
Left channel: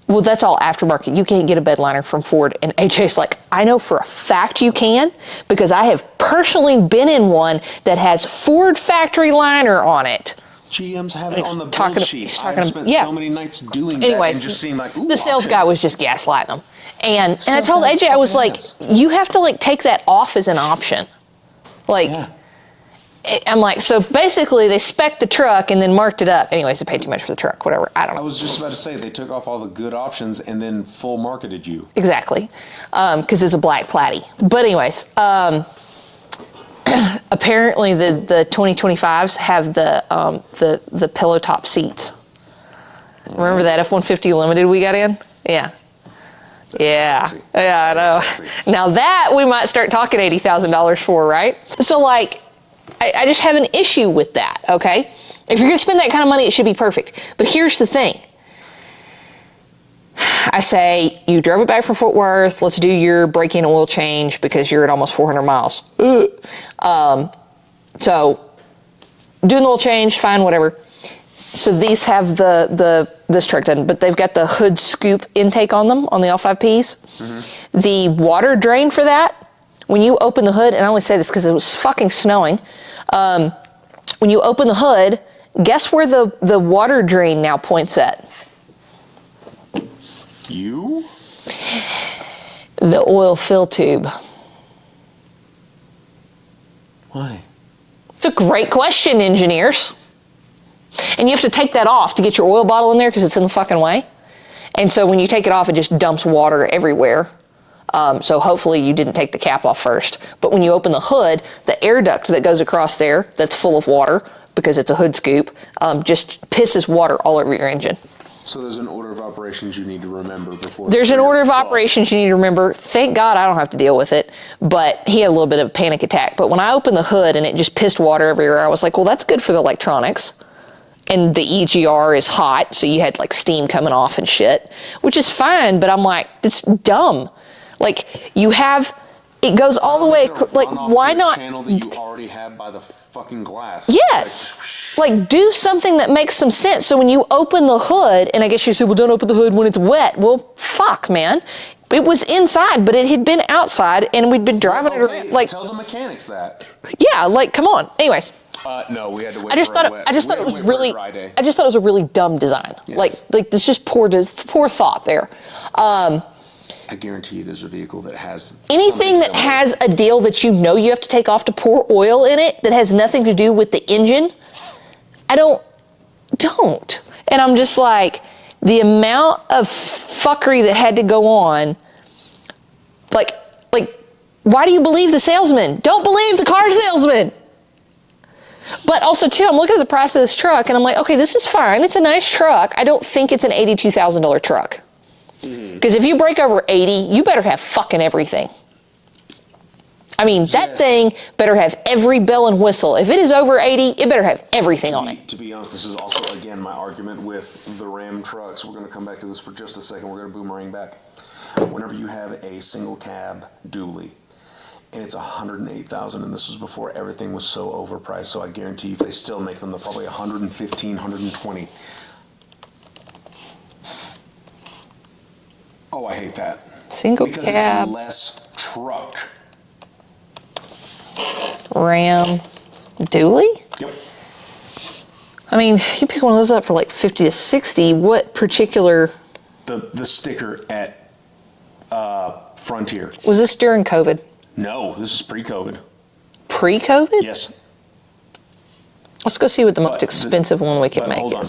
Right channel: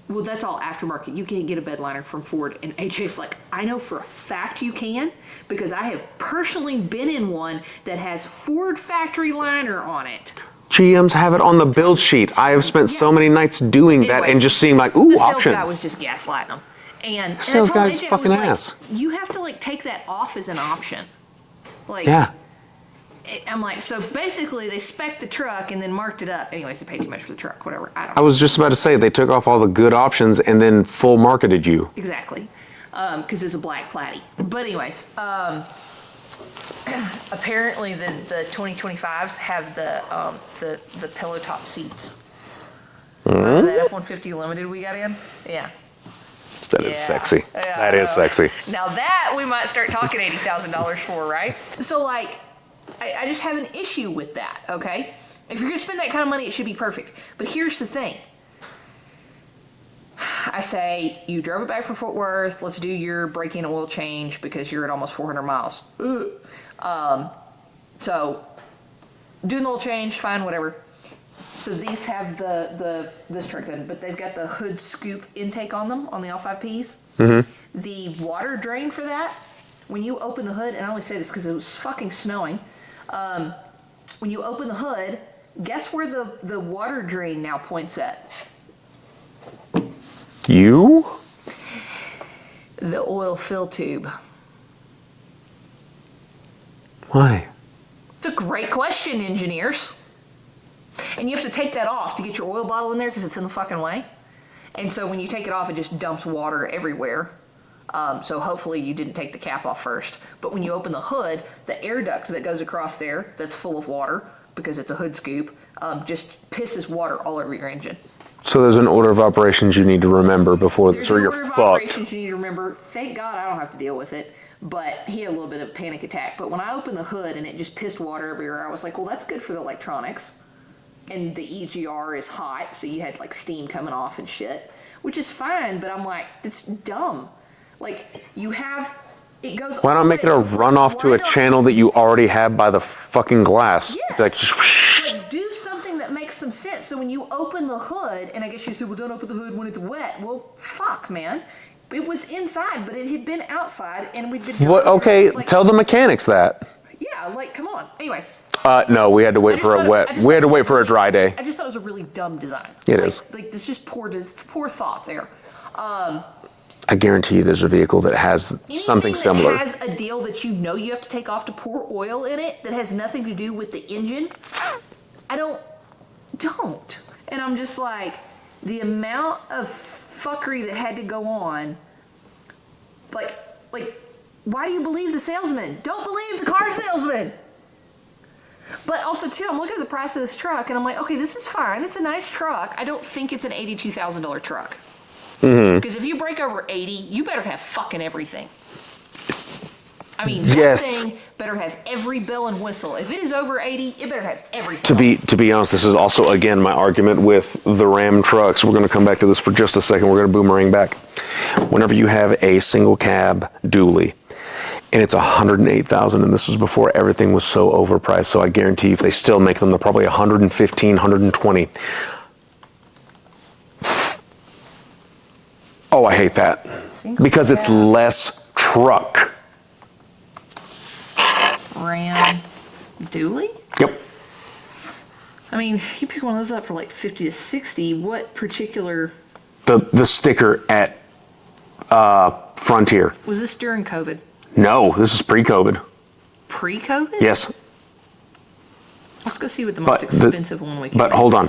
well, that's all aftermarket. You can't get a bed liner from Ford. And AJ's like, I know for a fact you can, because I have personally been in one that has Ford factory liner on it. GMs have it on the build sheet. I have spent so many nights doing that and just seeing like, ooh, the sales options. guy was just gaslighting them. And I told AJ, I was like, you have to like take that off as an option. Like, I'm like, so basically they spec'd the truck and then marked it up. Anyways, they paid too much for the truck, whatever. I don't know. I was just about to say, they took off all the good options and then full marketed you. Exactly. Because it's a black Platy. But anyways, apparently the 2025s have the pillow top seats. Remember that F-150 Limited we got in? Yeah. That is sexy. Yeah, that is sexy. Now that we might start talking $80,000 for, right? So like, I just have an issue with that, okay? If you're gonna spend that kind of money, it should be perfect. But here's the thing. I say, you drove it back from Fort Worth, let's do your break-in oil change because you're at almost 400 miles. So, doing the oil change, fine, whatever. So these have this truck doesn't, but they've got the hood scoop intake on them, on the L5Ps. Mm-hmm. The water drain for that, when you open the hood, and I only say this because it was fucking snowing, when you open the hood, guess where the water drain now points at? You? The oil fill tube. Why? It's a great question, engineers. And you have to take that off to get your oil bottle in there because it's in the fucking way. And so when you take it off, it just dumps water everywhere. So hopefully you didn't take the cap off first. But when you open the hood, the air duct that goes across there that's full of water, because it's a hood scoop, just pisses water all over your engine. So there's an order of operations you need to remember before. There's an order of operations you need to remember. Thank God I don't have to deal with it. But he had a little bit of a panic attack. But when I opened the hood and it just pissed water everywhere, I was like, well, that's good for the electronics. And the EGR is hot, so you had like steam coming off and shit, which is fine. But I'm like, it's dumb. Like you have, it goes all the way. Why not make it a runoff to a channel that you already have by the fucking glass? Yes. Like do something that makes some sense. So when you open the hood, and I guess you said, well, don't open the hood when it's wet. Well, fuck, man. It was inside, but it had been outside, and we'd been driving. Well, okay, like, tell the mechanics that. Yeah, like, come on. Anyways. No, we had to wait for a wet. We had to wait for a dry day. I just thought it was a really dumb design. It is. Like this just poor thought there. I guarantee you there's a vehicle that has something anything that similar. has a deal that you know you have to take off to pour oil in it that has nothing to do with the engine. I don't. And I'm just like, the amount of fuckery that had to go on. Like, why do you believe the salesman? Don't believe the car salesman. But also, too, I'm looking at the price of this truck, and I'm like, okay, this is fine. It's a nice truck. I don't think it's an $82,000 truck. Because if you break over 80, you better have fucking everything. I mean, that thing better have every bell and whistle. If it is over 80, it better have everything. To be honest, this is also, again, my argument with the Ram trucks. We're going to come back to this for just a second. We're going to boomerang back. Whenever you have a single cab dually, and it's $108,000, and this was before everything was so overpriced, so I guarantee if they still make them, they're probably $115,000, $120,000. Oh, I hate that. Because it's less truck. Ram dually? Yep. I mean, you pick one of those up for like 50 to 60. What particular? The sticker at Frontier. Was this during COVID? No, this is pre-COVID. Pre-COVID? Yes. Let's go see what the most expensive one we can make. But hold on,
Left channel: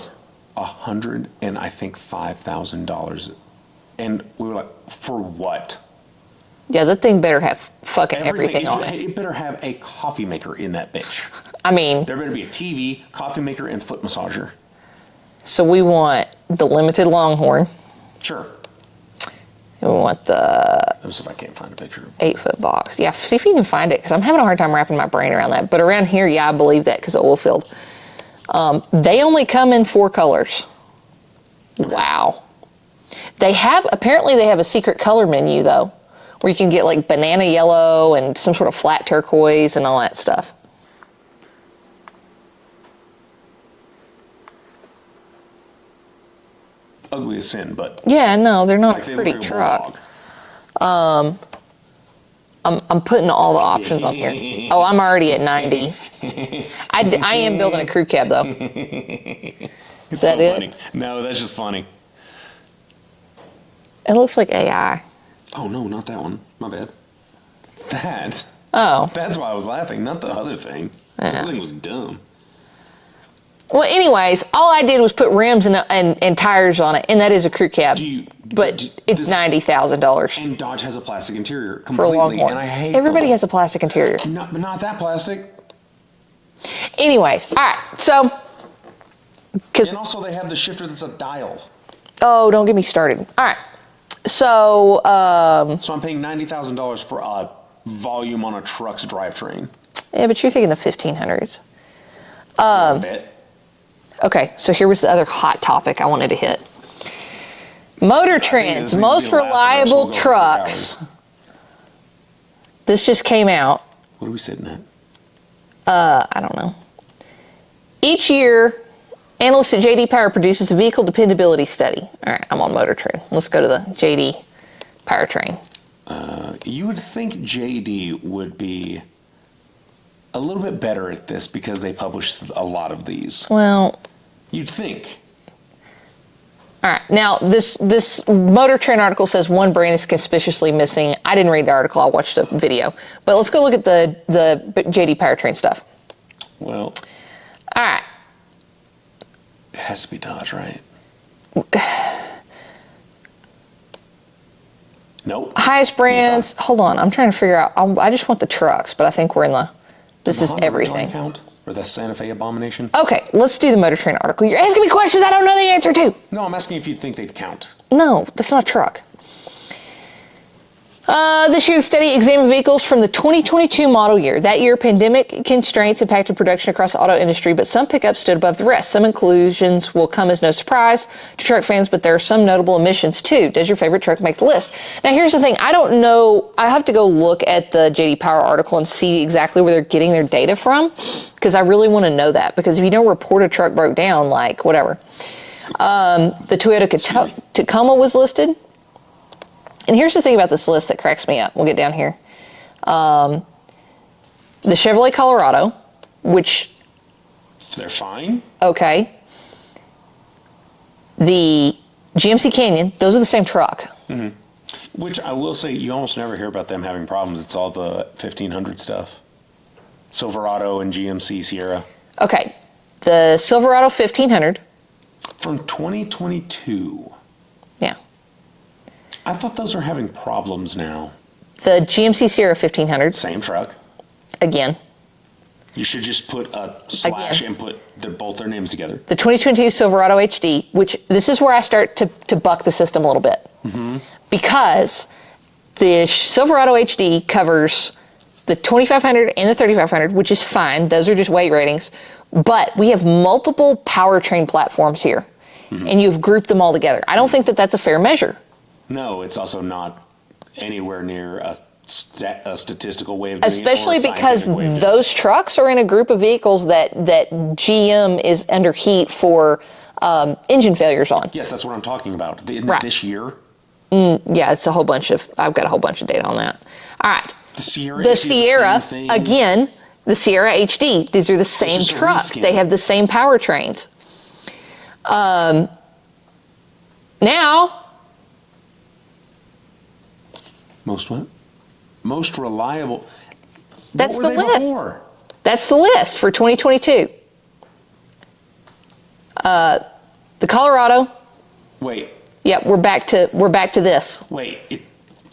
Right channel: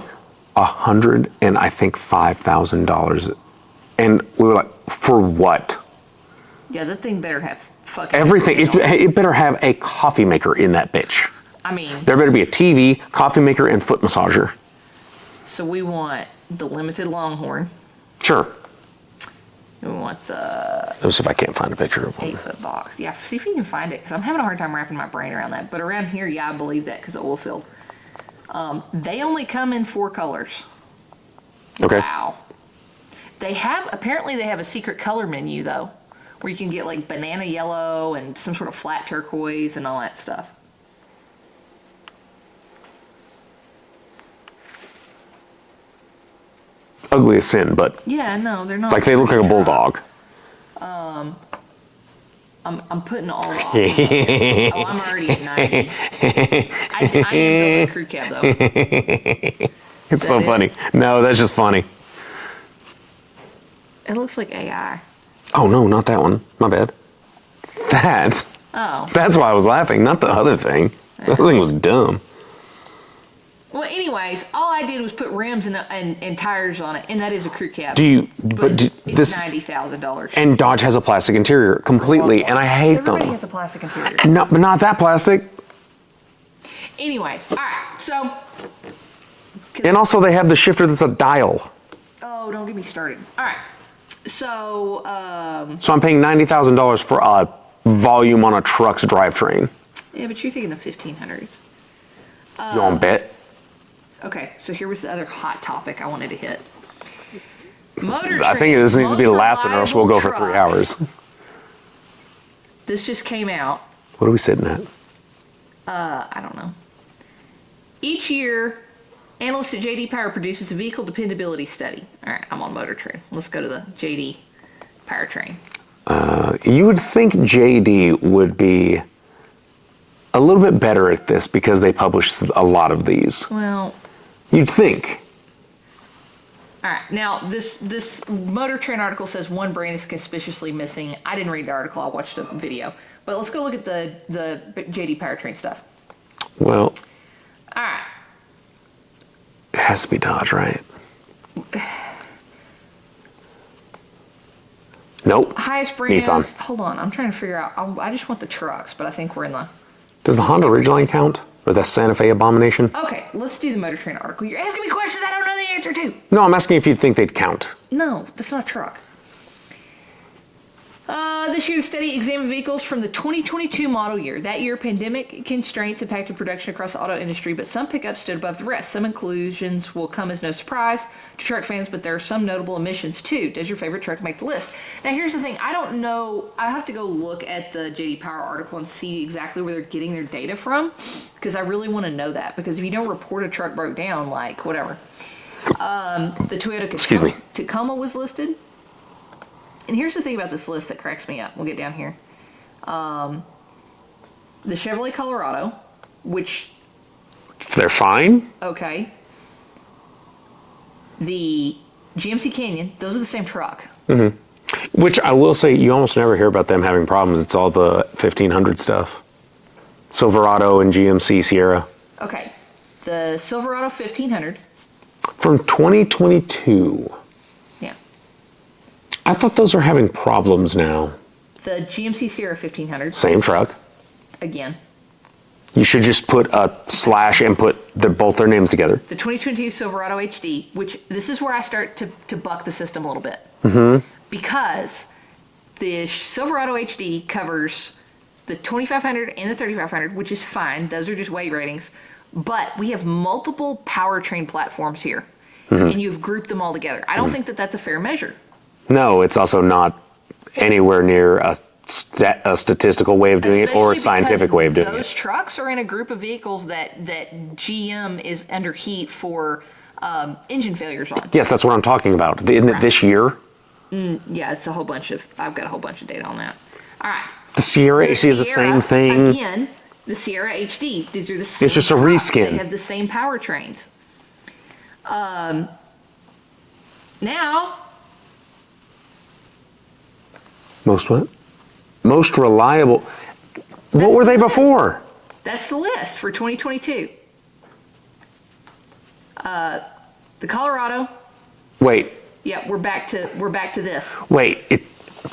$5,000. And we were like, for what? Yeah, that thing better have fucking everything It better have a coffee maker in that bitch. I mean, there better be a TV, coffee maker, and foot massager. So we want the limited Longhorn. Sure. And we want the... Let me see if I can't find a picture of one. 8-foot box. Yeah, see if you can find it, because I'm having a hard time wrapping my brain around that. But around here, yeah, I believe that because of oil field. They only come in 4 colors. Okay. Wow. Apparently they have a secret color menu, though, where you can get like banana yellow and some sort of flat turquoise and all that stuff. Ugly as sin, but... Yeah, no, they're not. Like they look like a bulldog. I'm putting all the options up there. Oh, I'm already at 90. I am building a crew cab, though. It's so funny. No, that's just funny. It looks like AI. Oh, no, not that one. My bad. That. Oh. That's why I was laughing, not the other thing. The other thing was dumb. Well, anyways, all I did was put rims and tires on it, and that is a crew cab. But it's $90,000. And Dodge has a plastic interior completely, and I hate Everybody them. has a plastic interior. No, but not that plastic. Anyways, all right, so... And also they have the shifter that's a dial. Oh, don't get me started. All right, so... So I'm paying $90,000 for a volume on a truck's drivetrain. Yeah, but you're thinking the 1500s. You want to bet? Okay, so here was the other hot topic I wanted to hit. Motor Trend's I think this needs to be the last one, or else we'll go for 3 hours. This just came out. What are we sitting at? I don't know. Each year, Analyst at JD Power produces a vehicle dependability study. All right, I'm on Motor Trend. Let's go to the JD Powertrain. You would think JD would be a little bit better at this because they publish a lot of these. Well, you'd think. All right. Now, this Motor Trend article says one brand is conspicuously missing. I didn't read the article. I watched a video. But let's go look at the JD Powertrain stuff. Well, all right. It has to be Dodge, right? Nope. Highest brands. Nissan. Hold on. I'm trying to figure out. I just want the trucks, but I think we're in the. Does the Honda Ridgeline count? Or the Santa Fe Abomination? Okay, let's do the Motor Trend article. You're asking me questions I don't know the answer to. No, I'm asking if you'd think they'd count. No, that's not a truck. This year, the study examined vehicles from the 2022 model year. That year, pandemic constraints impacted production across the auto industry, but some pickups stood above the rest. Some inclusions will come as no surprise to truck fans, but there are some notable omissions too. Does your favorite truck make the list? Now, here's the thing. I don't know. I have to go look at the JD Power article and see exactly where they're getting their data from, because I really want to know that. Because if you don't report a truck broke down, like whatever. The Toyota Tacoma was listed. And here's the thing about this list that cracks me up. We'll get down here. The Chevrolet Colorado, which... They're fine? Okay. The GMC Canyon, those are the same truck. Mm-hmm. Which I will say, you almost never hear about them having problems. It's all the 1500 stuff. Silverado and GMC Sierra. Okay. The Silverado 1500. From 2022. Yeah. I thought those are having problems now. The GMC Sierra 1500. Same truck. Again. You should just put a slash and put both their names together. The 2022 Silverado HD, which this is where I start to buck the system a little bit. Mm-hmm. Because the Silverado HD covers the 2500 and the 3500, which is fine. Those are just weight ratings. But we have multiple powertrain platforms here. Mm-hmm. And you've grouped them all together. I don't think that that's a fair measure. No, it's also not anywhere near a statistical way of doing it or a scientific way of doing it. Those trucks are in a group of vehicles that GM is under heat for engine failures on. Yes, that's what I'm talking about. Isn't it this year? Yeah, it's a whole bunch of, I've got a whole bunch of data on that. All right. The Sierra is the same thing. Again, the Sierra HD. These are the same It's just truck. a reskin. They have the same powertrains. Now... Most what? Most reliable. What were they before? That's the list for 2022. The Colorado. Wait. Yeah, we're back to this. Wait.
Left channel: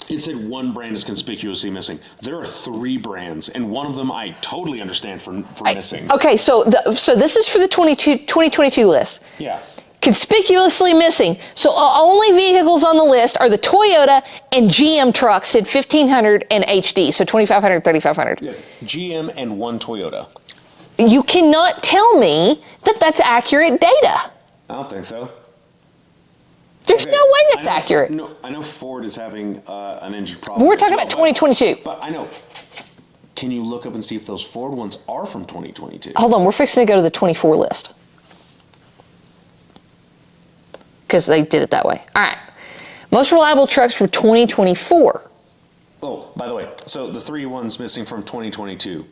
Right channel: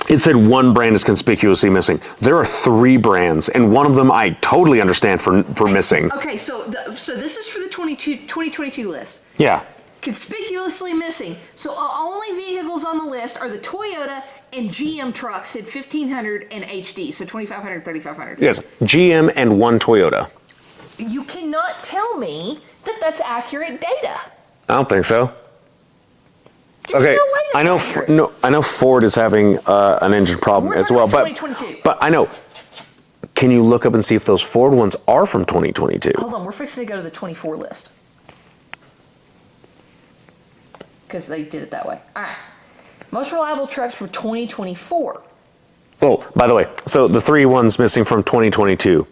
It said one brand is conspicuously missing. There are 3 brands, and one of them I totally understand for missing. Okay, so this is for the 2022 list. Yeah. Conspicuously missing. So only vehicles on the list are the Toyota and GM trucks at 1500 and HD. So 2500, 3500. Yes, GM and 1 Toyota. You cannot tell me that that's accurate data. I don't think so. There's no way that's accurate. I know Ford is having an engine problem as well. We're talking about 2022. But I know. Can you look up and see if those Ford ones are from 2022? Hold on, we're fixing to go to the 24 list. Because they did it that way. All right. Most reliable trucks for 2024. Oh, by the way, so the 3 ones missing from 2022.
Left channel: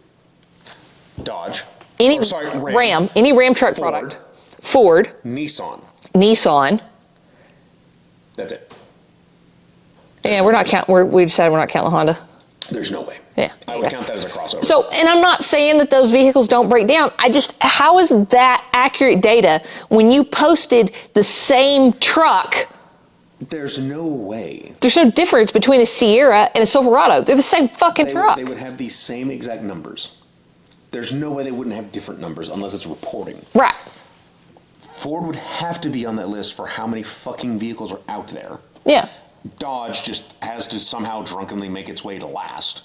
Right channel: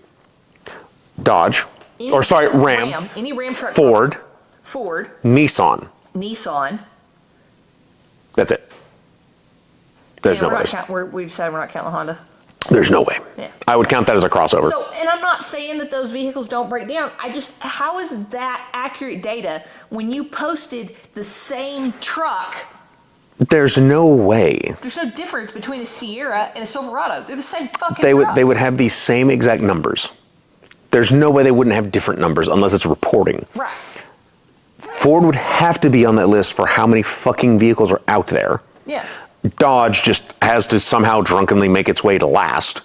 Dodge. Ram. Any Ram truck Ford. Product. Ford. Nissan. That's it. We're not counting. We decided we're not counting the Honda. There's no way. Yeah. I would count that as a crossover. So, and I'm not saying that those vehicles don't break down. How is that accurate data when you posted the same truck? There's no way. There's no difference between a Sierra and a Silverado. They're the same fucking truck. They would have these same exact numbers. There's no way they wouldn't have different numbers unless it's reporting. Right. Ford would have to be on that list for how many fucking vehicles are out there. Yeah. Dodge just has to somehow drunkenly make its way to last.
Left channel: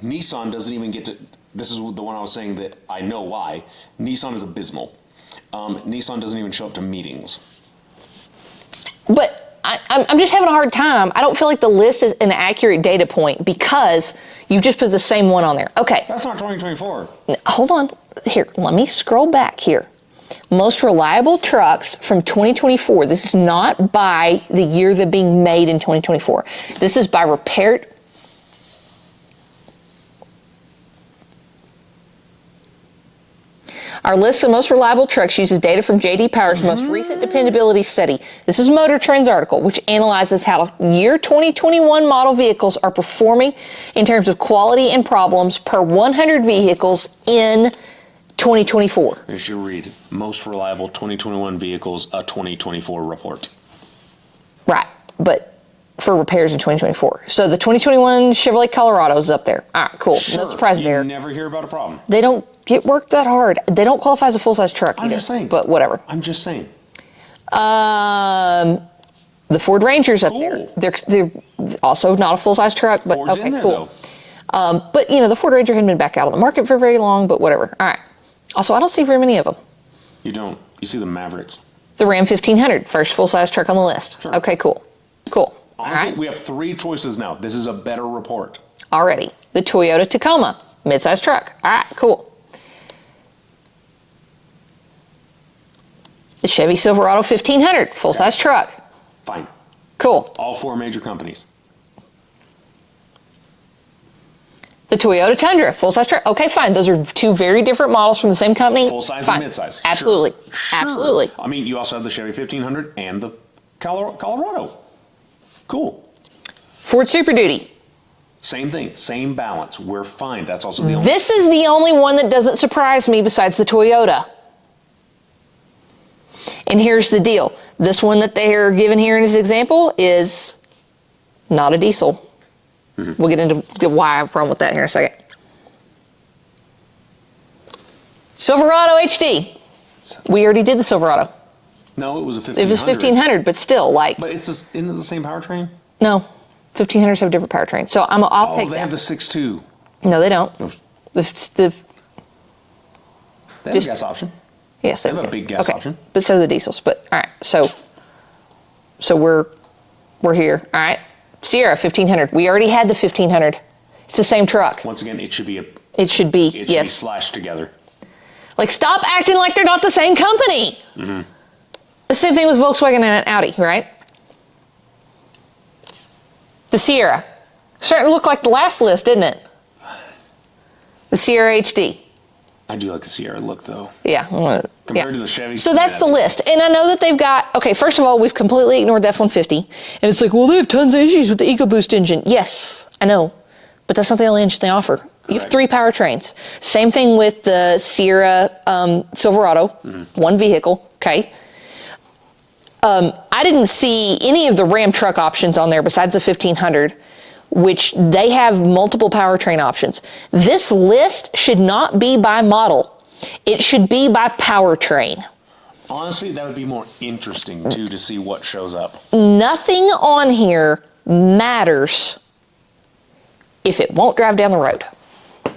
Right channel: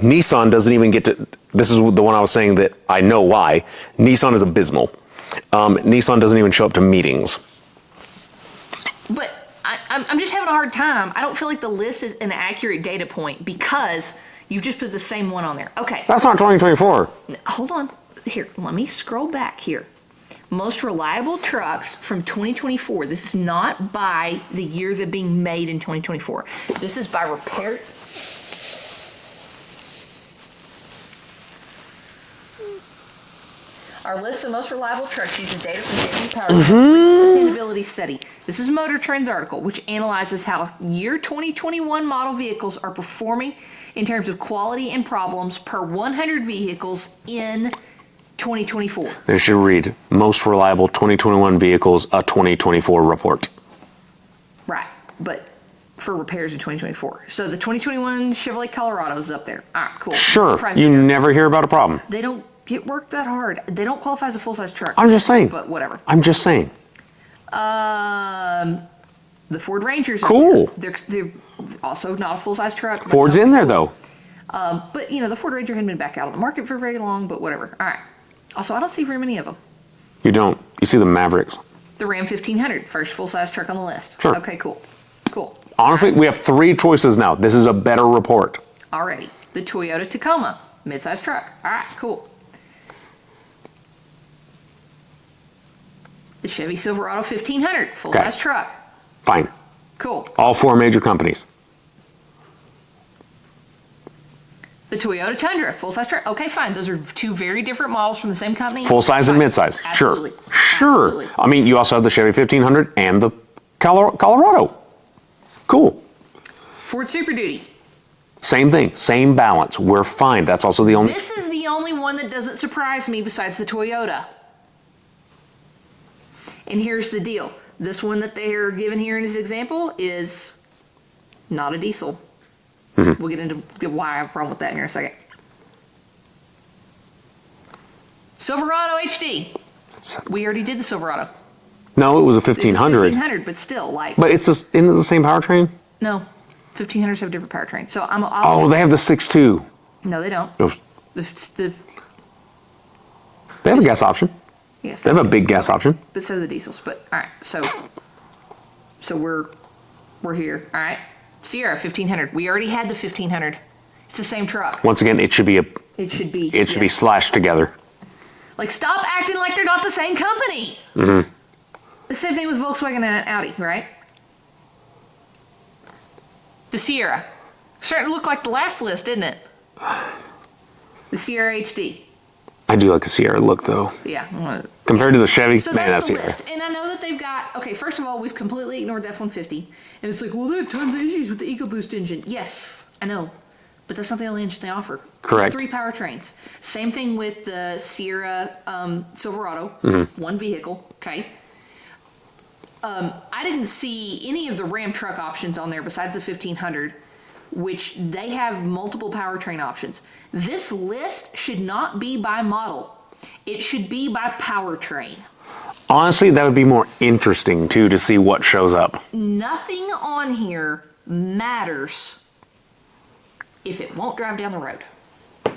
Nissan doesn't even get to, this is the one I was saying that I know why. Nissan is abysmal. Nissan doesn't even show up to meetings. But I'm just having a hard time. I don't feel like the list is an accurate data point because you've just put the same one on there. Okay. That's not 2024. Hold on. Here, let me scroll back here. Most reliable trucks from 2024. This is not by the year they're being made in 2024. This is by repaired. Our list of most reliable trucks uses data from J.D. Power's most recent dependability study. This is Motor Trend's article, which analyzes how year 2021 model vehicles are performing in terms of quality and problems per 100 vehicles in 2024. They should read most reliable 2021 vehicles, a 2024 report. Right, but for repairs in 2024. So the 2021 Chevrolet Colorado is up there. All right, cool. Sure, you never hear about a problem. They don't get worked that hard. They don't qualify as a full-size truck. I'm just saying. But whatever. I'm just saying. The Ford Ranger's up there. They're also not a full-size truck. But Ford's in there, cool. Though. But, the Ford Ranger hadn't been back out on the market for very long, but whatever. All right. Also, I don't see very many of them. You don't. You see the Mavericks. The Ram 1500, first full-size truck on the list. Sure. Okay, cool. Cool. Honestly, we have 3 choices now. This is a better report. Already. The Toyota Tacoma, mid-size truck. All right, cool. The Chevy Silverado 1500, full-size truck. Fine. Cool. All 4 major companies. The Toyota Tundra, full-size truck. Okay, fine. Those are 2 very different models from the same company. Full-size and mid-size. Absolutely. Sure. Absolutely. I mean, you also have the Chevy 1500 and the Colorado. Cool. Ford Super Duty. Same thing. Same balance. We're fine. That's also the only... This is the only one that doesn't surprise me besides the Toyota. And here's the deal. This one that they're given here in his example is not a diesel. We'll get into why I have a problem with that here in a second. Silverado HD. We already did the Silverado. No, it was a 1500. It was 1500, but still, But it's just, isn't it the same powertrain? No, 1500s have different powertrains. So I'll take they have the 6.2. No, they don't. No. They have a gas option. Yes, they have a big gas option. But so do the diesels. But all right, so we're here. All right, Sierra 1500. We already had the 1500. It's the same truck. Once again, it should be slashed together. Like, stop acting like they're not the same company. The same thing with Volkswagen and Audi, right? The Sierra. Starting to look like the last list, didn't it? The Sierra HD. I do like the Sierra look, though. Yeah. Compared to the Chevy. So that's the list. And I know that they've got, okay, first of all, we've completely ignored the F-150. And it's like, well, they have tons of issues with the EcoBoost engine. Yes, I know. But that's not the only engine they offer. Correct. You have 3 powertrains. Same thing with the Sierra Silverado, 1 vehicle, okay? I didn't see any of the Ram truck options on there besides the 1500, which they have multiple powertrain options. This list should not be by model. It should be by powertrain. Honestly, that would be more interesting, too, to see what shows up. Nothing on here matters if it won't drive down the road.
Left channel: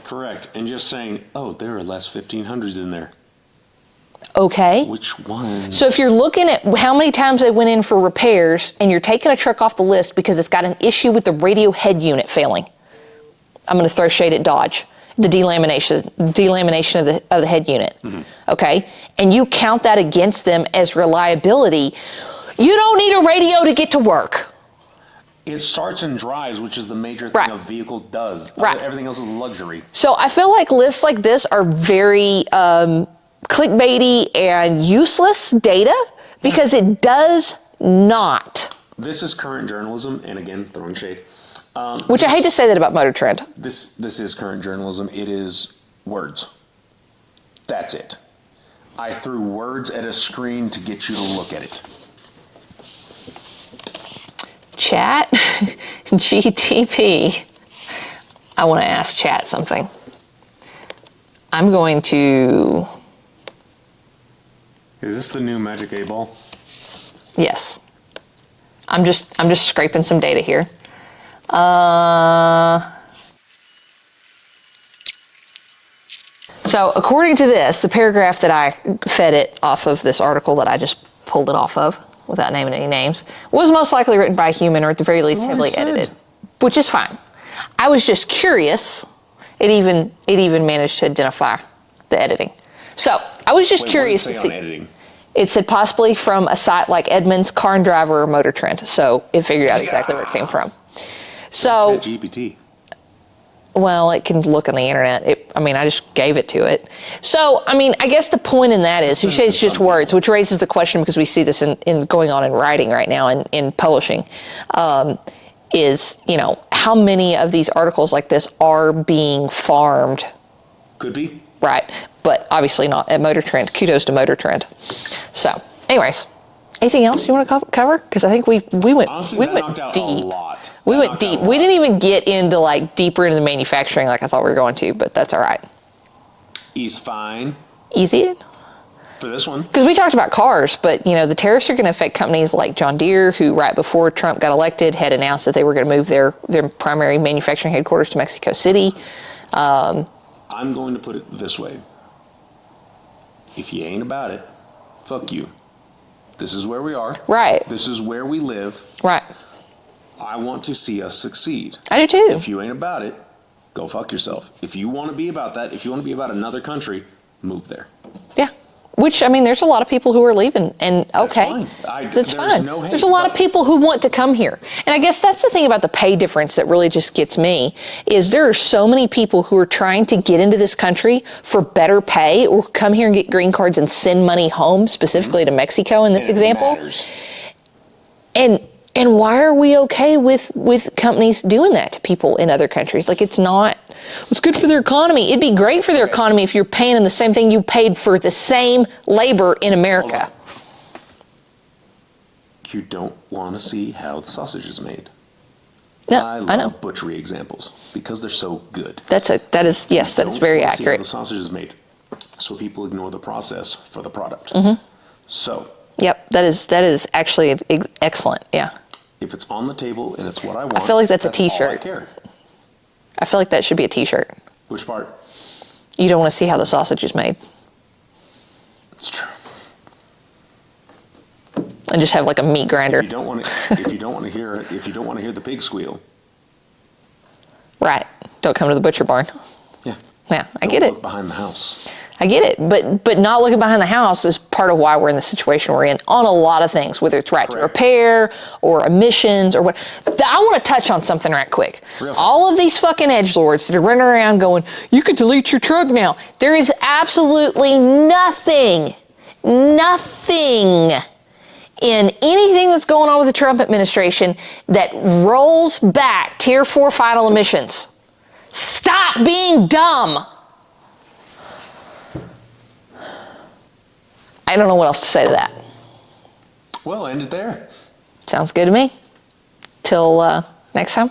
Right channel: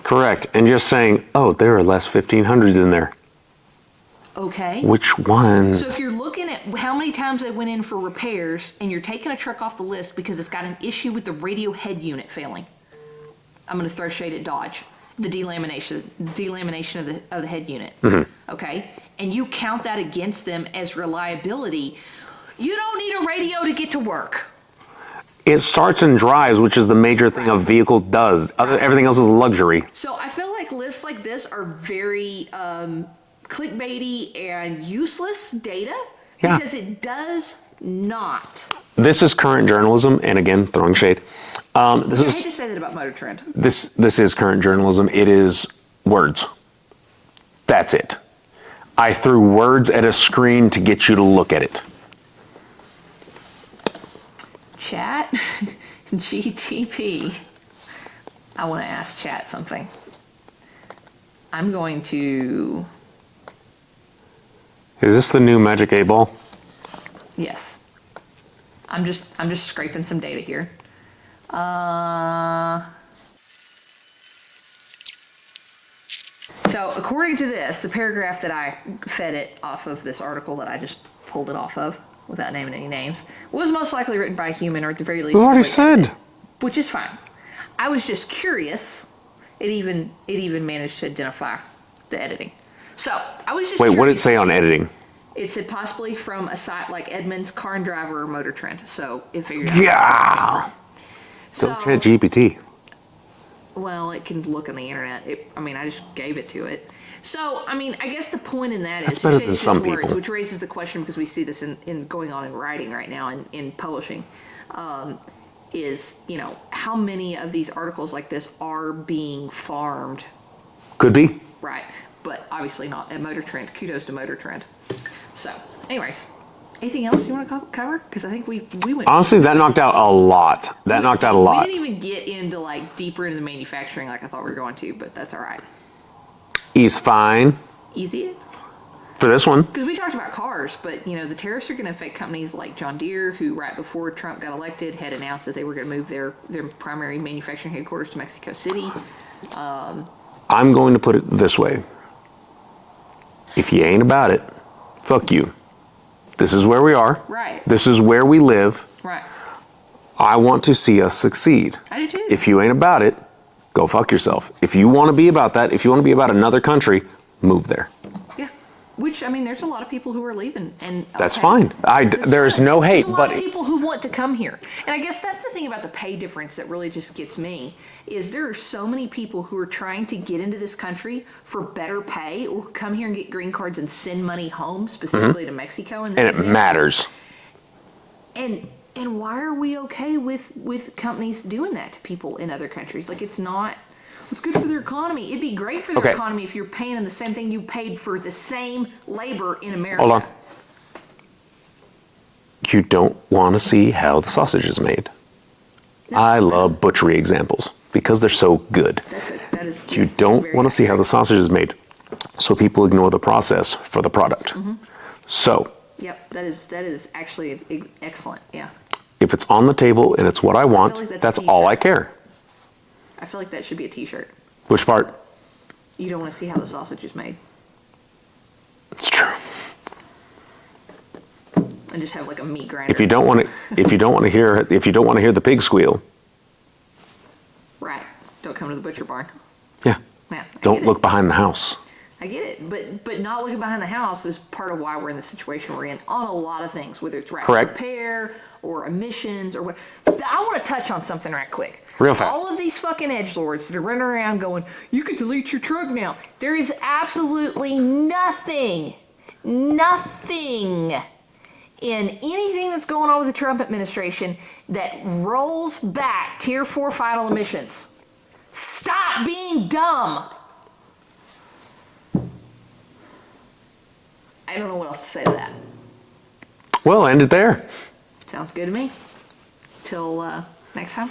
Correct. And just saying, oh, there are less 1500s in there. Okay. Which one? So if you're looking at how many times they went in for repairs and you're taking a truck off the list because it's got an issue with the radio head unit failing, I'm going to throw shade at Dodge, the delamination of the head unit. Okay? And you count that against them as reliability, you don't need a radio to get to work. It starts and drives, which is the major thing a vehicle does. Everything else is luxury. So I feel like lists like this are very clickbaity and useless data because it does not. This is current journalism, and again, throwing shade. Which I hate to say that about Motor Trend. This is current journalism. It is words. That's it. I threw words at a screen to get you to look at it. Chat GTP. I want to ask Chat something. I'm going to... Is this the new Magic 8 Ball? Yes. I'm just scraping some data here. So according to this, the paragraph that I fed it off of this article that I just pulled it off of, without naming any names, was most likely written by a human, or at the very least heavily edited, which is fine. I was just curious. It even managed to identify the editing. So I was just Wait, curious. what did it say on editing? It said possibly from a site like Edmunds, Car and Driver, or Motor Trend. So it figured out exactly where it came from. So GPT. well, it can look on the internet. I just gave it to it. So, I guess the point in that is, you say it's just words, which raises the question, because we see this in going on in writing right now in publishing, is, how many of these articles like this are being farmed? Could be. Right. But obviously not at Motor Trend. Kudos to Motor Trend. So, anyways, anything else you want to cover? Because I think we went. Honestly, that knocked out a lot. We didn't even get into deeper into the manufacturing like I thought we were going to, but that's all right. He's fine. Easy? For this one. Because we talked about cars, but the tariffs are going to affect companies like John Deere, who right before Trump got elected had announced that they were going to move their primary manufacturing headquarters to Mexico City. I'm going to put it this way. If you ain't about it, fuck you. This is where we are. Right. This is where we live. Right. I want to see us succeed. I do too. If you ain't about it, go fuck yourself. If you want to be about that, if you want to be about another country, move there. Yeah. Which, there's a lot of people who are leaving, and okay. That's fine. There's no hate. There's a lot of people who want to come here. And I guess that's the thing about the pay difference that really just gets me, is there are so many people who are trying to get into this country for better pay, or come here and get green cards and send money home, specifically to Mexico in this example. It matters. And why are we okay with companies doing that to people in other countries? It's good for their economy. It'd be great for their economy if you're paying them the same thing you paid for the same labor in America. Hold on. You don't want to see how the sausage is made. No, I love butchery examples because they're so good. That is yes, that's very accurate. You don't want to see how the sausage is made, so people ignore the process for the product. Mm-hmm. So. Yep, that is actually excellent. Yeah. If it's on the table and it's what I want, I feel like that's a t-shirt. all I care. I feel like that should be a t-shirt. Which part? You don't want to see how the sausage is made. It's true. And just have a meat grinder. If you don't want to hear the pig squeal. Right. Don't come to the butcher barn. Yeah. Yeah, I Don't get it. look behind the house. I get it, but not looking behind the house is part of why we're in the situation we're in on a lot of things, whether it's right to repair or emissions or what. I want to touch on something right quick. Real fast. All of these fucking edgelords that are running around going, you can delete your truck now. There is absolutely nothing in anything that's going on with the Trump administration that rolls back Tier 4 final emissions. Stop being dumb. I don't know what else to say to that. Well, end it there. Sounds good to me. Till next time.